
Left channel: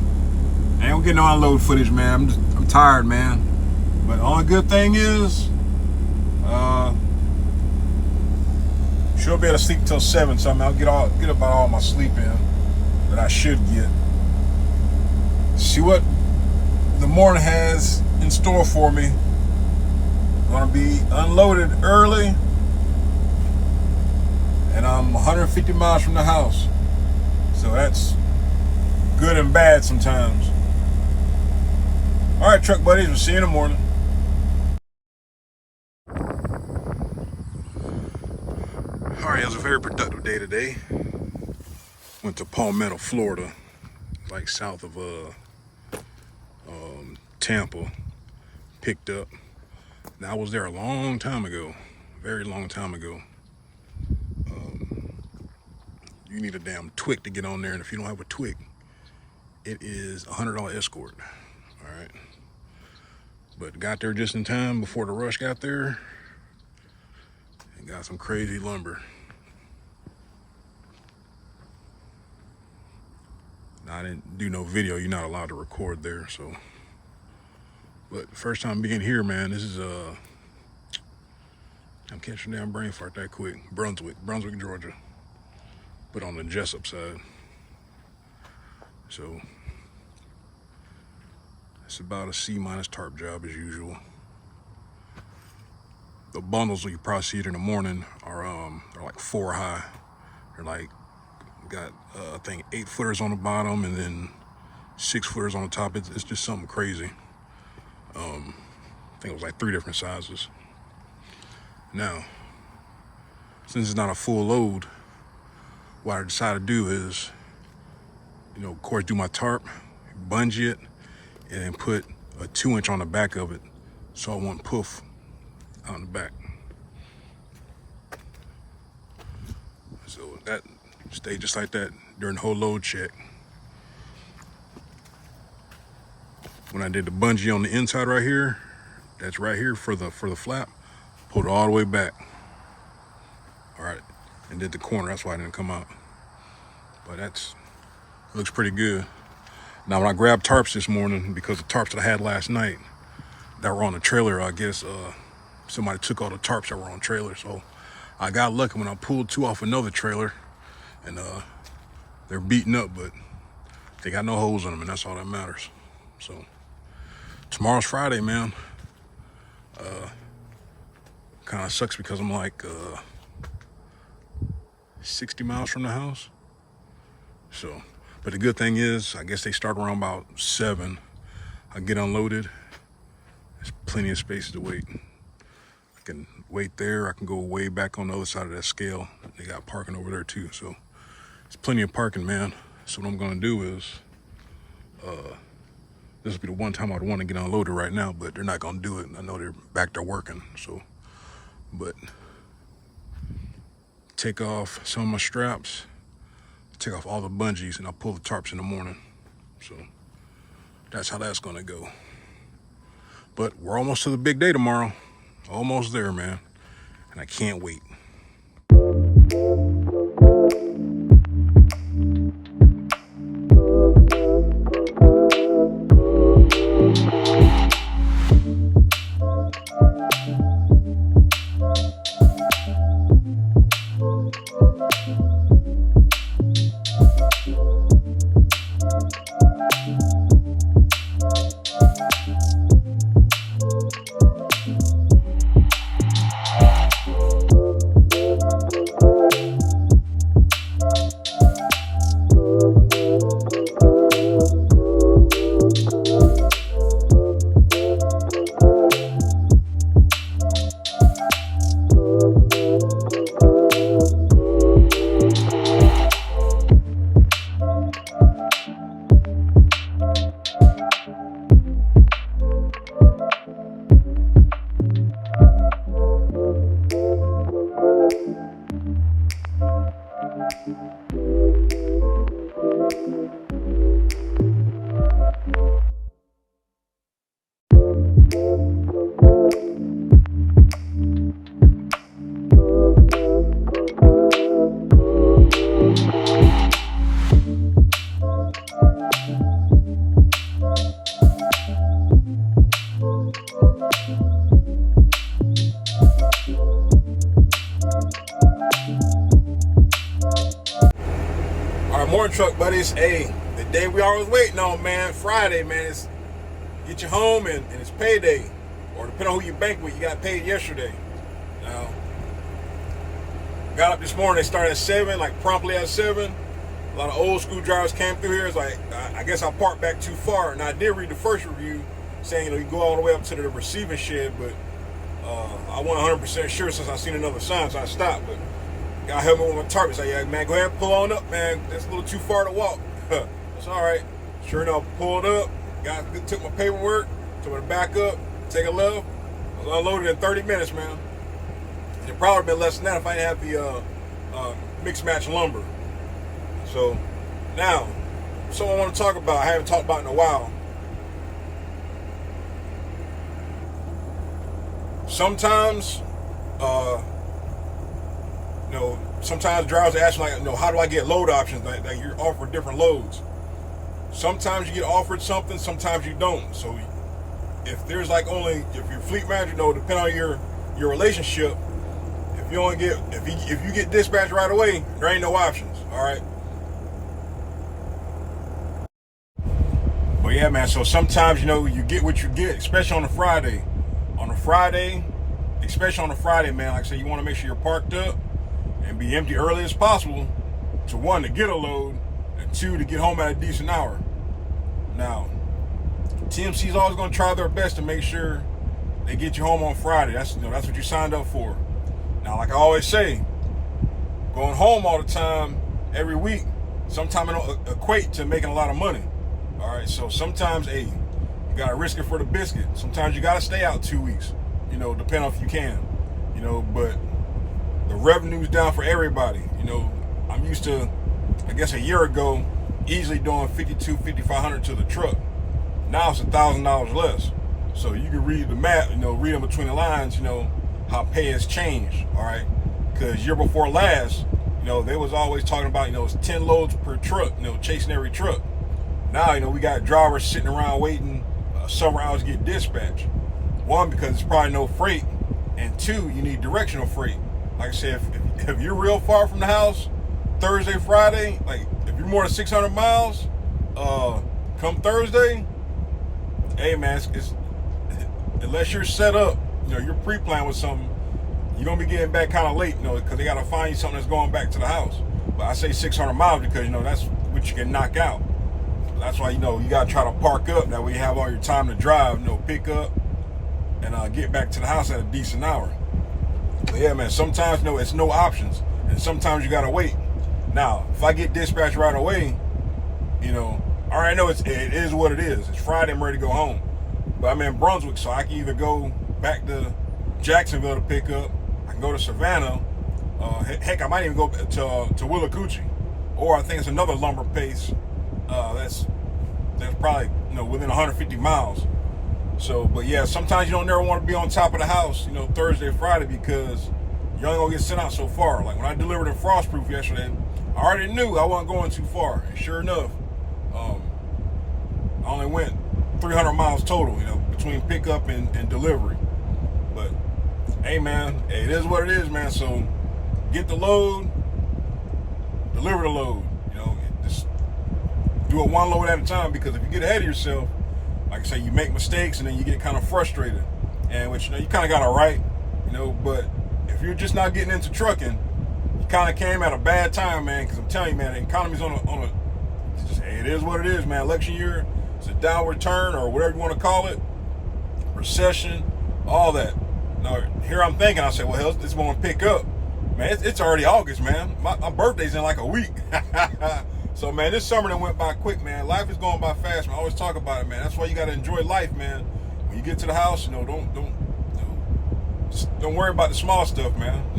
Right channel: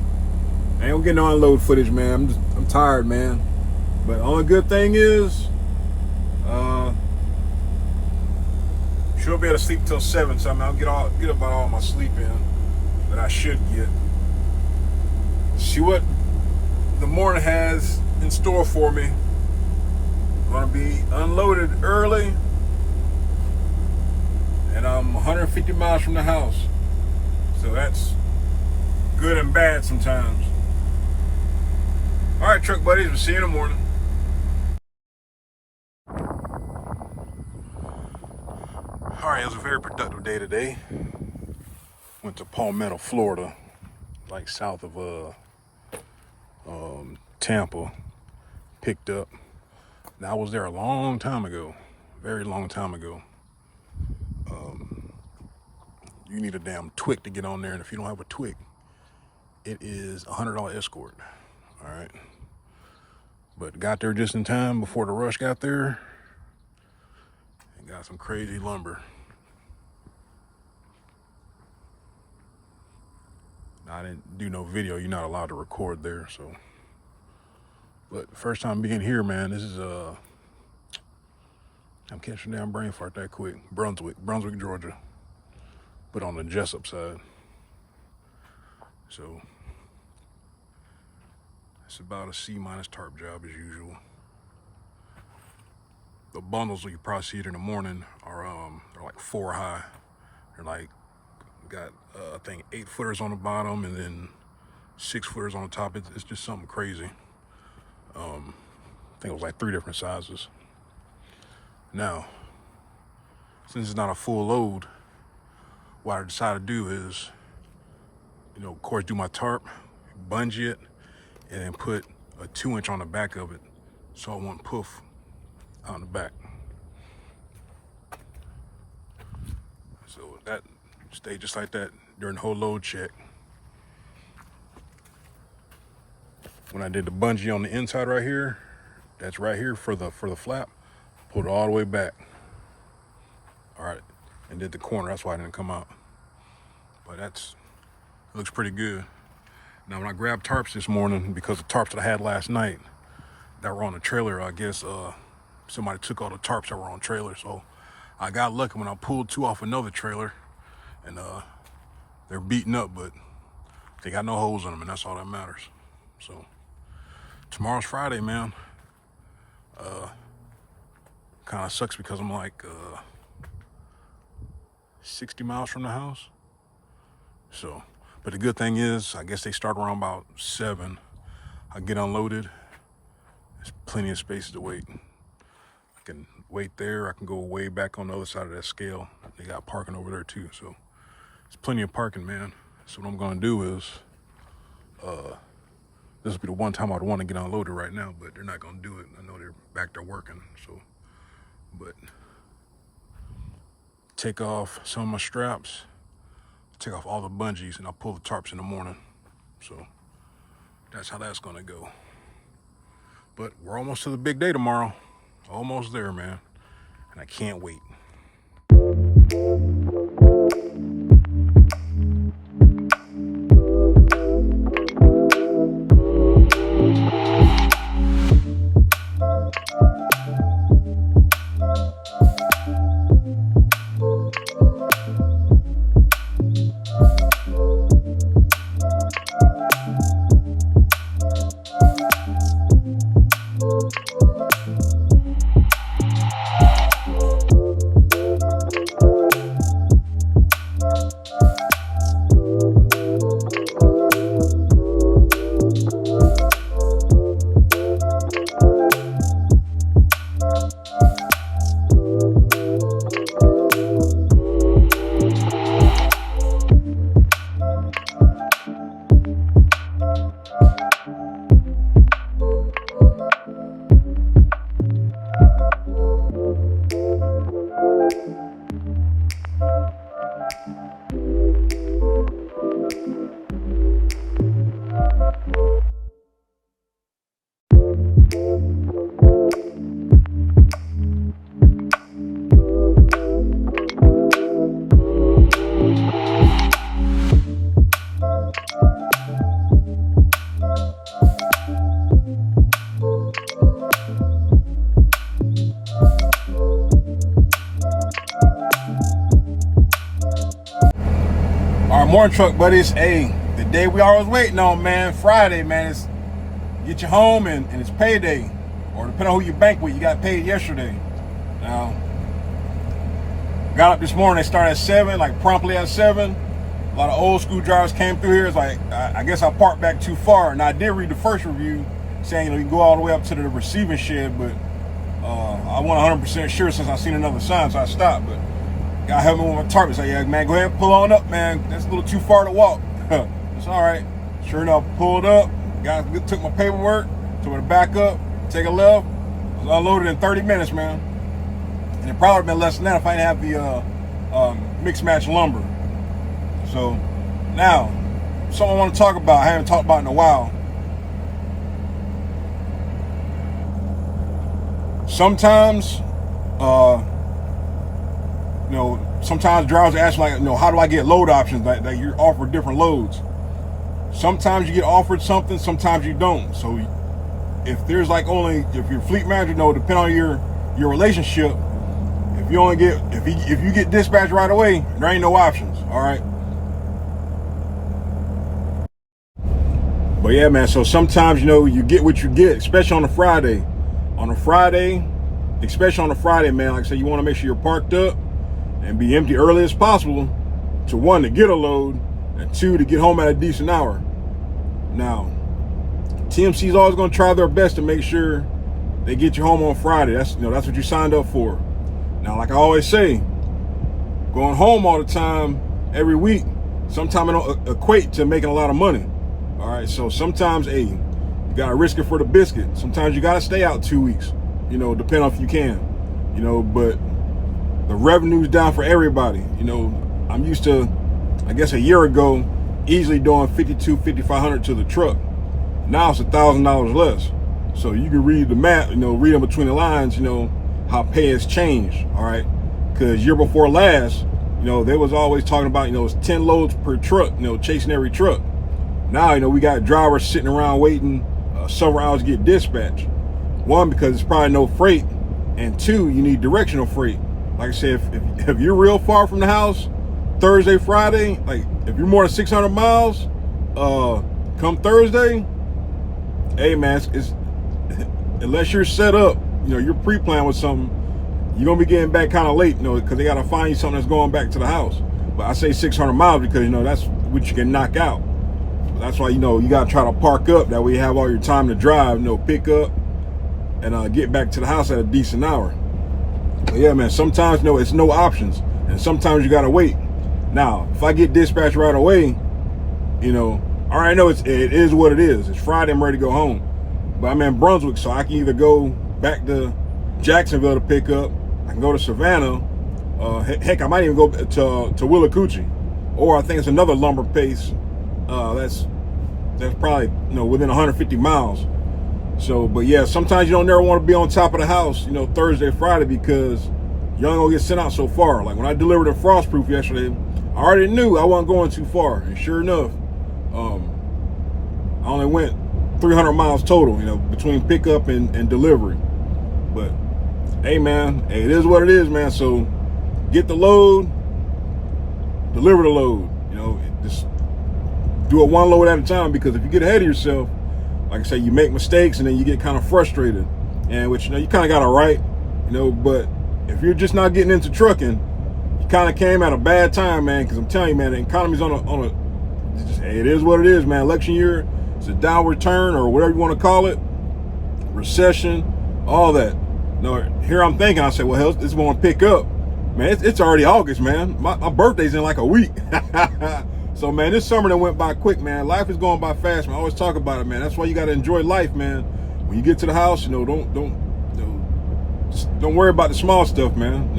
I ain't getting no unload footage, man. I'm tired, man. But the only good thing is, should be able to sleep till 7. So I'll get about all my sleep in that I should get. See what the morning has in store for me. Gonna be unloaded early, and I'm 150 miles from the house. So that's good and bad sometimes. All right, truck buddies, we'll see you in the morning. All right, it was a very productive day today. Went to Palmetto, Florida, like south of Tampa. Picked up. Now I was there a long time ago, very long time ago. You need a damn twig to get on there, and if you don't have a twig, it is $100 escort. All right, but got there just in time before the rush got there, and got some crazy lumber. Now, I didn't do no video. You're not allowed to record there, so. But first time being here, man. This is I'm catching a damn brain fart that quick. Brunswick, Georgia, but on the Jessup side. So it's about a C- tarp job as usual. The bundles, you probably see it in the morning, are they're like 4 high. They're like got I think 8 footers on the bottom and then 6 footers on the top. It's just something crazy. I think it was like 3 different sizes. Now, since it's not a full load, what I decided to do is, of course, do my tarp, bungee it, and then put a 2-inch on the back of it so it won't poof out in the back. So that stayed just like that during the whole load check. When I did the bungee on the inside right here, that's right here for the flap, pulled it all the way back. All right, and did the corner, that's why it didn't come out. But it looks pretty good. Now when I grabbed tarps this morning, because the tarps that I had last night that were on the trailer, I guess somebody took all the tarps that were on the trailer. So I got lucky when I pulled 2 off another trailer, and they're beaten up, but they got no holes in them, and that's all that matters. So tomorrow's Friday, man. Kind of sucks because I'm like 60 miles from the house. So, but the good thing is, I guess they start around about 7. I get unloaded. There's plenty of space to wait. I can wait there. I can go way back on the other side of that scale. They got parking over there too. So there's plenty of parking, man. So what I'm gonna do is, this will be the one time I'd want to get unloaded right now, but they're not gonna do it. I know they're back there working, so. But take off some of my straps, take off all the bungees, and I'll pull the tarps in the morning. So that's how that's gonna go. But we're almost to the big day tomorrow. Almost there, man. And I can't wait. Morning, truck buddies. Hey, the day we always waiting on, man. Friday, man. It's get you home and it's payday, or depending on who you bank with, you got paid yesterday. Now Got up this morning, they started at 7, like promptly at 7. A lot of old school drivers came through here. It's like, I guess I parked back too far. And I did read the first review saying, you can go all the way up to the receiving shed, but I wasn't 100% sure since I seen another sign, so I stopped. But guy helped me with my target. Say, yeah, man, go ahead and pull on up, man. That's a little too far to walk. It's all right. Sure enough, pulled up. Guy took my paperwork, told me to back up, take a left. I was unloaded in 30 minutes, man. And it probably would have been less than that if I didn't have the mixed match lumber. So now, something I want to talk about, I haven't talked about in a while. Sometimes, sometimes drivers ask like, how do I get load options? Like you're offered different loads. Sometimes you get offered something, sometimes you don't. So if there's like if your fleet manager, depending on your relationship, if you get dispatched right away, there ain't no options. All right. But yeah, man, so sometimes, you get what you get, especially on a Friday. Especially on a Friday, man, like I said, you want to make sure you're parked up and be empty early as possible to, 1, to get a load, and 2, to get home at a decent hour. Now, TMC is always going to try their best to make sure they get you home on Friday. That's what you signed up for. Now, like I always say, going home all the time, every week, sometimes it don't equate to making a lot of money. All right, so sometimes, you gotta risk it for the biscuit. Sometimes you gotta stay out 2 weeks, depending on if you can, but the revenue's down for everybody. I'm used to, I guess a year ago, easily doing $5,200 to the truck. Now it's $1,000 less. So you can read the math, read in between the lines, how pay has changed, all right? Because year before last, they was always talking about, it's 10 loads per truck, chasing every truck. Now, we got drivers sitting around waiting several hours to get dispatched. 1, because it's probably no freight, and 2, you need directional freight. Like I said, if you're real far from the house, Thursday, Friday, like if you're more than 600 miles, come Thursday, hey man, it's unless you're set up, you're pre-planned with something, you're gonna be getting back kind of late, because they gotta find you something that's going back to the house. But I say 600 miles because that's what you can knock out. That's why, you gotta try to park up. That way you have all your time to drive, pick up and get back to the house at a decent hour. But yeah, man, sometimes, it's no options. And sometimes you gotta wait. Now, if I get dispatched right away, I already know it is what it is. It's Friday, I'm ready to go home. But I'm in Brunswick, so I can either go back to Jacksonville to pick up, I can go to Savannah, heck, I might even go to Willacoochee. Or I think it's another lumber place that's probably within 150 miles. So, but yeah, sometimes you don't never want to be on top of the house, Thursday, Friday, because you ain't gonna get sent out so far. Like when I delivered a Frostproof yesterday, I already knew I wasn't going too far, and sure enough, I only went 300 miles total, between pickup and delivery. But hey, man, it is what it is, man. So get the load, deliver the load. Just do it 1 load at a time, because if you get ahead of yourself, like I say, you make mistakes and then you get kind of frustrated, and which you kind of got it right, but if you're just not getting into trucking, you kind of came at a bad time, man, because I'm telling you, man, the economy's on a it is what it is, man. Election year, it's a downward turn, or whatever you want to call it, recession, all that. Here I'm thinking, I say, well, hell, this won't pick up, man. It's already August, man. My birthday's in like a week. So, man, this summer that went by quick, man. Life is going by fast, man. I always talk about it, man. That's why you got to enjoy life, man. When you get to the house, don't worry about the small stuff, man.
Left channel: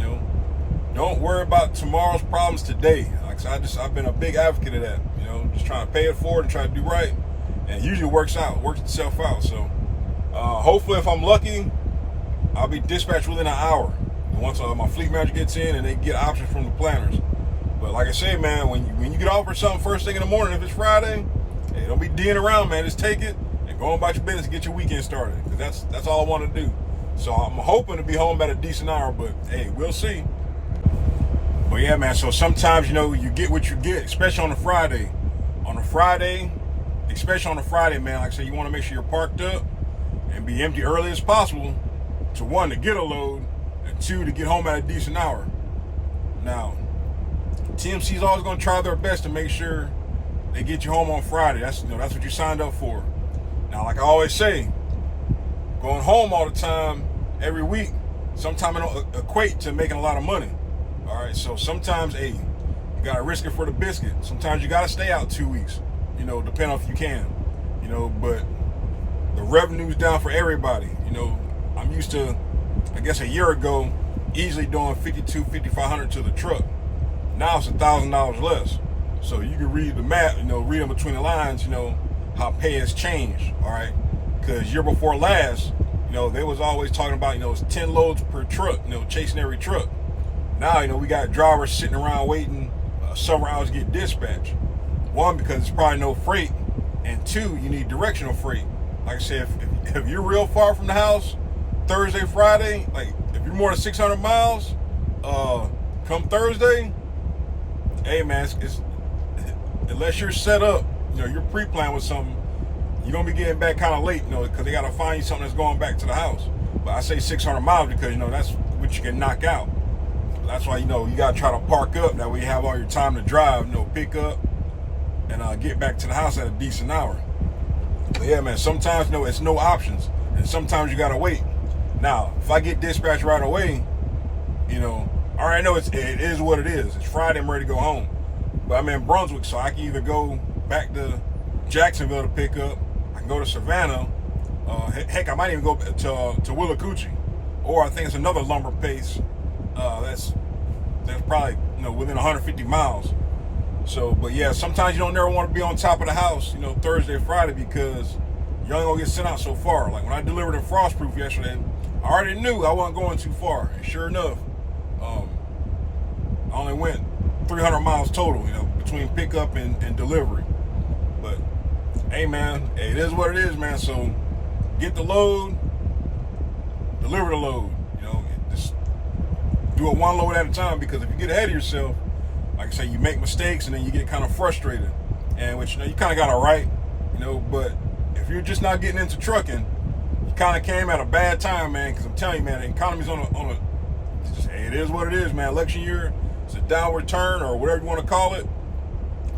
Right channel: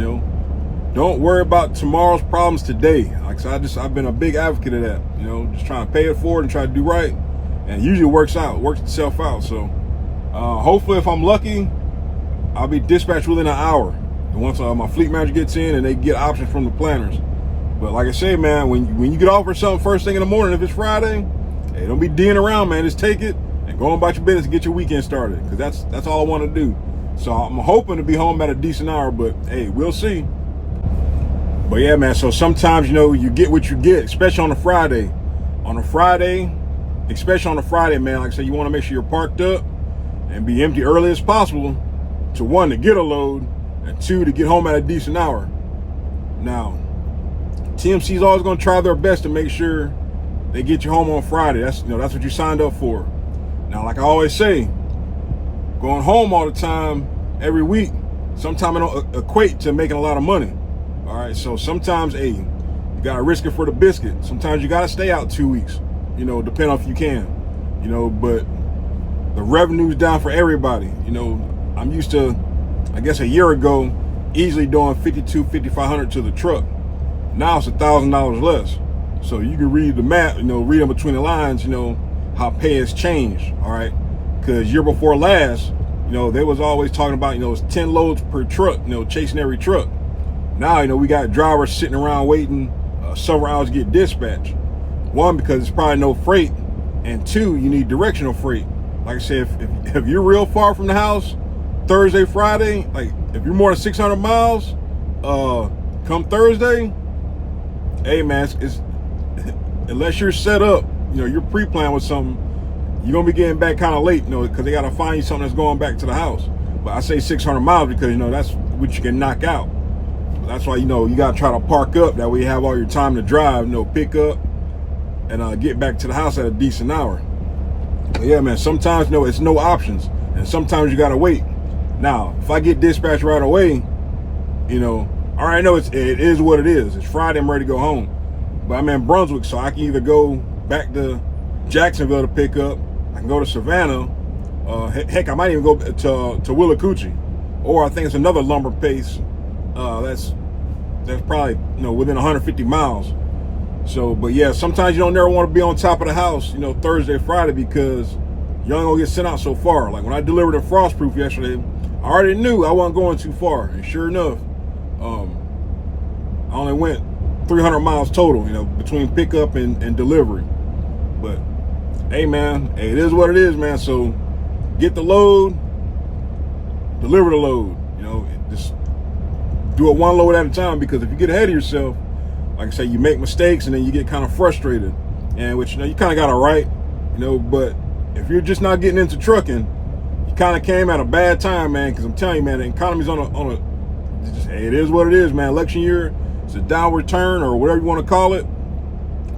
Don't worry about tomorrow's problems today. Like I said, I've been a big advocate of that. Just trying to pay it forward and try to do right, and it usually works itself out. So, hopefully, if I'm lucky, I'll be dispatched within an hour. And once my fleet manager gets in and they get options from the planners. But like I say, man, when you get offered something first thing in the morning, if it's Friday, hey, don't be D'ing around, man. Just take it and go on about your business and get your weekend started, because that's all I want to do. So I'm hoping to be home at a decent hour, but hey, we'll see. But yeah, man, so sometimes, you get what you get, especially on a Friday. Especially on a Friday, man, like I said, you want to make sure you're parked up and be empty early as possible to, 1, to get a load, and 2, to get home at a decent hour. Now, TMC is always going to try their best to make sure they get you home on Friday. That's that's what you signed up for. Now, like I always say, going home all the time every week, sometimes it don't equate to making a lot of money. All right, so sometimes, hey, you gotta risk it for the biscuit. Sometimes you gotta stay out 2 weeks, depending on if you can, but the revenue's down for everybody. I'm used to, I guess a year ago, easily doing $5,500 to the truck. Now it's $1,000 less. So you can read the math, read in between the lines, how pay has changed, all right? Because year before last, they was always talking about, it's 10 loads per truck, chasing every truck. Now, we got drivers sitting around waiting several hours to get dispatched. One, because it's probably no freight, and two, you need directional freight. Like I said, if you're real far from the house, Thursday, Friday, like if you're more than 600 miles, come Thursday, hey man, it's unless you're set up, you're pre-planned with something, you're gonna be getting back kind of late, because they gotta find you something that's going back to the house. But I say 600 miles because that's what you can knock out. That's why you gotta try to park up. That way you have all your time to drive, pick up and get back to the house at a decent hour. But yeah, man, sometimes it's no options, and sometimes you gotta wait. Now, if I get dispatched right away, I already know it is what it is. It's Friday, I'm ready to go home. But I'm in Brunswick, so I can either go back to Jacksonville to pick up, I can go to Savannah, heck, I might even go to Willacoochee, or I think it's another lumber place that's probably within 150 miles. So, but yeah, sometimes you don't never want to be on top of the house, Thursday, Friday, because you only gonna get sent out so far. Like when I delivered a Frostproof yesterday, I already knew I wasn't going too far, and sure enough, I only went 300 miles total, between pickup and delivery. But hey, man, it is what it is, man. So get the load, deliver the load. Just do it one load at a time, because if you get ahead of yourself, like I say, you make mistakes and then you get kind of frustrated, and which you kind of got it right, but if you're just not getting into trucking, you kind of came at a bad time, man, because I'm telling you, man, the economy's on a hey, it is what it is, man. Election year, it's a downward turn, or whatever you want to call it,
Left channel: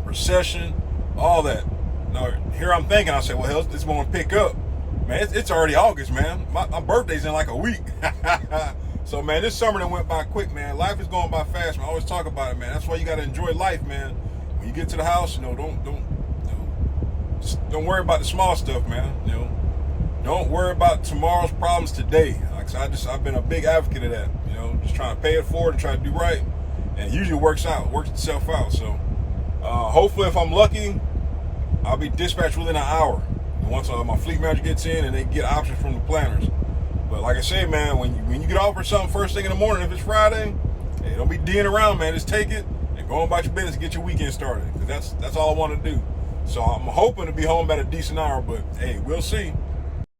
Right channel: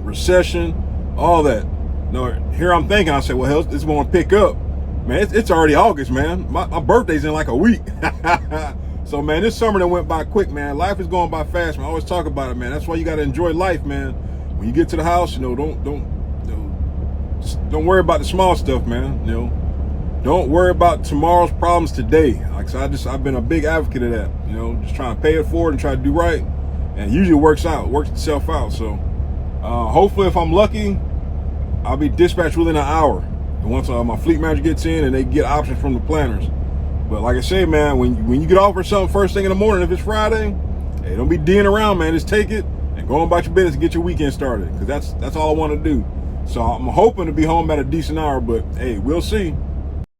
recession, all that. Here I'm thinking, I say, well, hell, this won't pick up. Man, it's already August, man. My birthday's in like a week. So, man, this summer that went by quick, man. Life is going by fast, man. I always talk about it, man. That's why you got to enjoy life, man. When you get to the house, don't worry about the small stuff, man. Don't worry about tomorrow's problems today. Like so, I've been a big advocate of that. Just trying to pay it forward and try to do right, and usually it works itself out. So, hopefully, if I'm lucky, I'll be dispatched within an hour. And once my fleet manager gets in and they get options from the planners. But like I say, man, when you get offered something first thing in the morning, if it's Friday, hey, don't be D'ing around, man. Just take it and go on about your business and get your weekend started, because that's all I want to do. So I'm hoping to be home at a decent hour, but hey, we'll see.